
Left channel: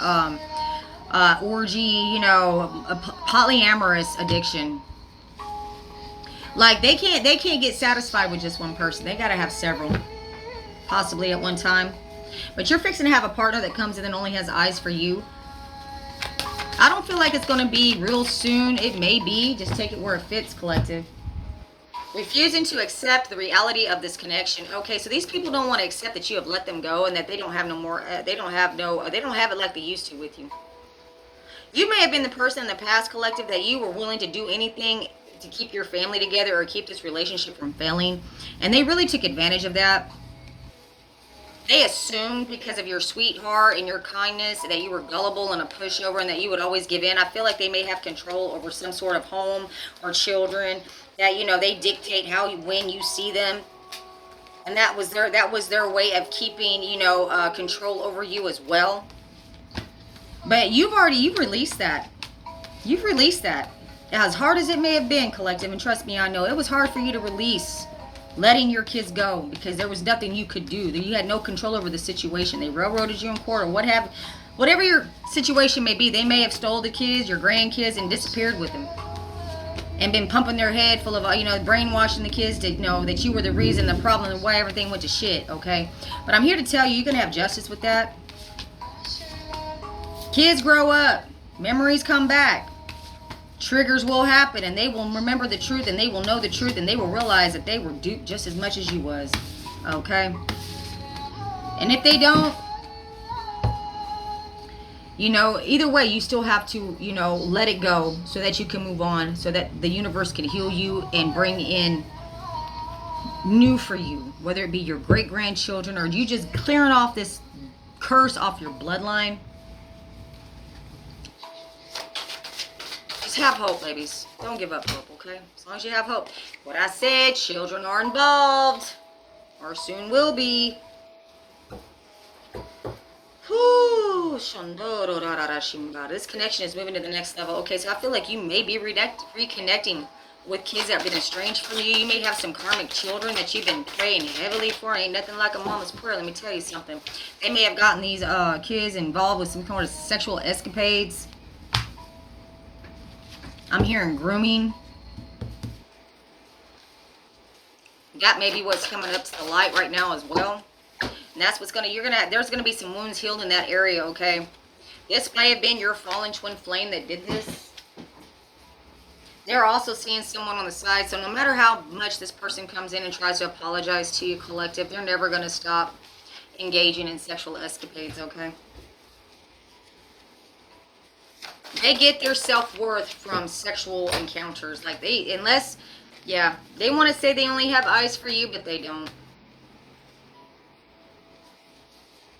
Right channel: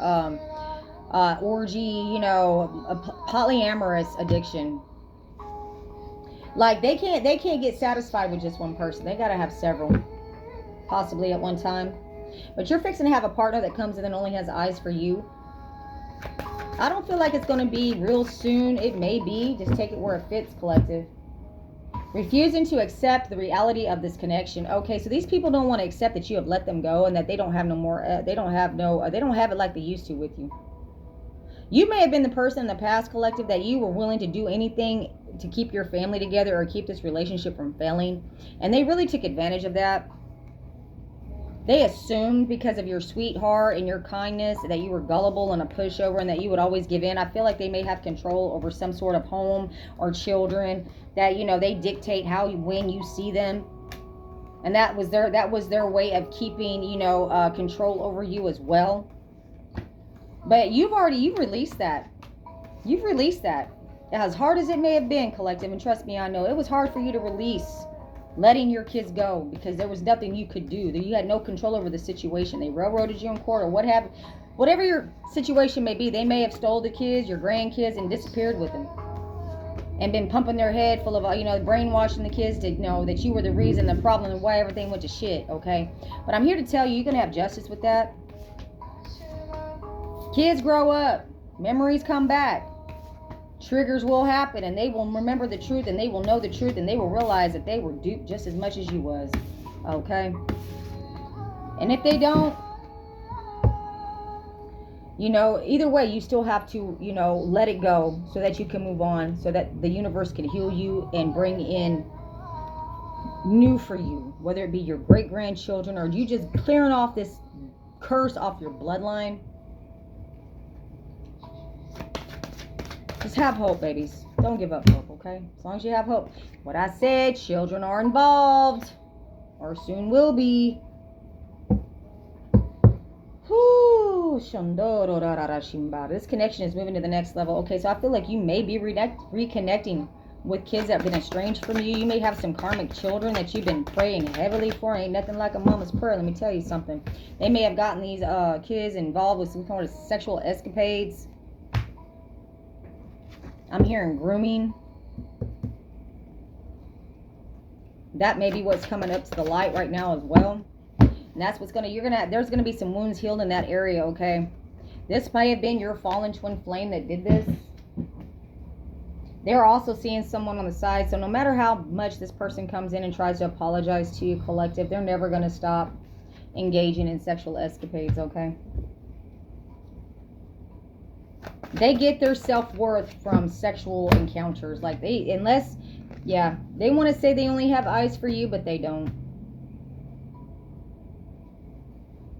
orgy, a polyamorous addiction. Like they can't get satisfied with just one person. They gotta have several, possibly at one time. But you're fixing to have a partner that comes in and only has eyes for you. I don't feel like it's gonna be real soon. It may be. Just take it where it fits, collective. Refusing to accept the reality of this connection. Okay, so these people don't want to accept that you have let them go and that they don't have no more. They don't have no. They don't have it like they used to with you. You may have been the person in the past, collective, that you were willing to do anything to keep your family together or keep this relationship from failing, and they really took advantage of that. They assumed because of your sweetheart and your kindness that you were gullible and a pushover and that you would always give in. I feel like they may have control over some sort of home or children that, you know, they dictate how you, when you see them. And that was their way of keeping, you know, control over you as well. But you've released that. You've released that. As hard as it may have been, collective, and trust me, I know it was hard for you to release letting your kids go because there was nothing you could do. You had no control over the situation. They railroaded you in court or whatever your situation may be. They may have stole the kids, your grandkids, and disappeared with them, and been pumping their head full of, you know, brainwashing the kids to know that you were the reason, the problem, and why everything went to shit. Okay, but I'm here to tell you, you're gonna have justice with that. Kids grow up, memories come back. Triggers will happen, and they will remember the truth, and they will know the truth, and they will realize that they were duped just as much as you was. Okay? And if they don't, you know, either way, you still have to, you know, let it go so that you can move on, so that the universe can heal you and bring in new for you, whether it be your great-grandchildren or you just clearing off this curse off your bloodline. Just have hope, babies. Don't give up hope, okay? As long as you have hope. What I said, children are involved. Or soon will be. This connection is moving to the next level. Okay, so I feel like you may be reconnecting with kids that have been estranged from you. You may have some karmic children that you've been praying heavily for. Ain't nothing like a mama's prayer. Let me tell you something. They may have gotten these kids involved with some kind of sexual escapades. I'm hearing grooming. That may be what's coming up to the light right now as well. And that's what's there's gonna be some wounds healed in that area, okay? This may have been your fallen twin flame that did this. They're also seeing someone on the side. So no matter how much this person comes in and tries to apologize to you, collective, they're never gonna stop engaging in sexual escapades, okay? They get their self-worth from sexual encounters. Like they want to say they only have eyes for you, but they don't.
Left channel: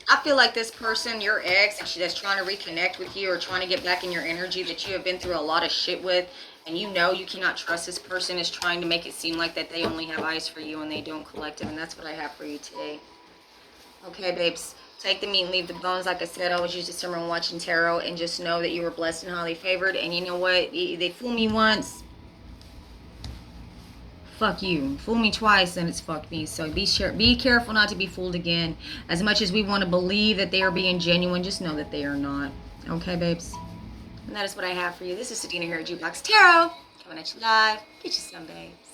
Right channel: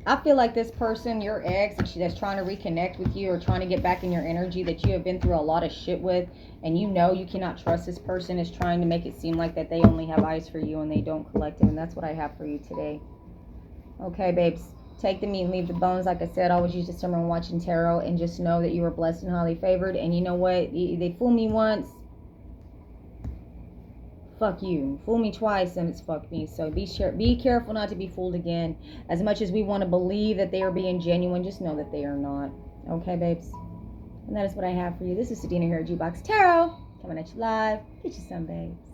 I feel like this person, your ex, that's trying to reconnect with you or trying to get back in your energy that you have been through a lot of shit with, and you know you cannot trust this person, is trying to make it seem like that they only have eyes for you and they don't, collective. And that's what I have for you today. Okay, babes. Take the meat and leave the bones. Like I said, I always use discernment when watching tarot, and just know that you were blessed and highly favored. And you know what? They fool me once. Fuck you. Fool me twice, and it's fuck me. So be careful not to be fooled again. As much as we want to believe that they are being genuine, just know that they are not. Okay, babes? And that is what I have for you. This is Sadina here at Jukebox Tarot. Coming at you live. Get you some, babes.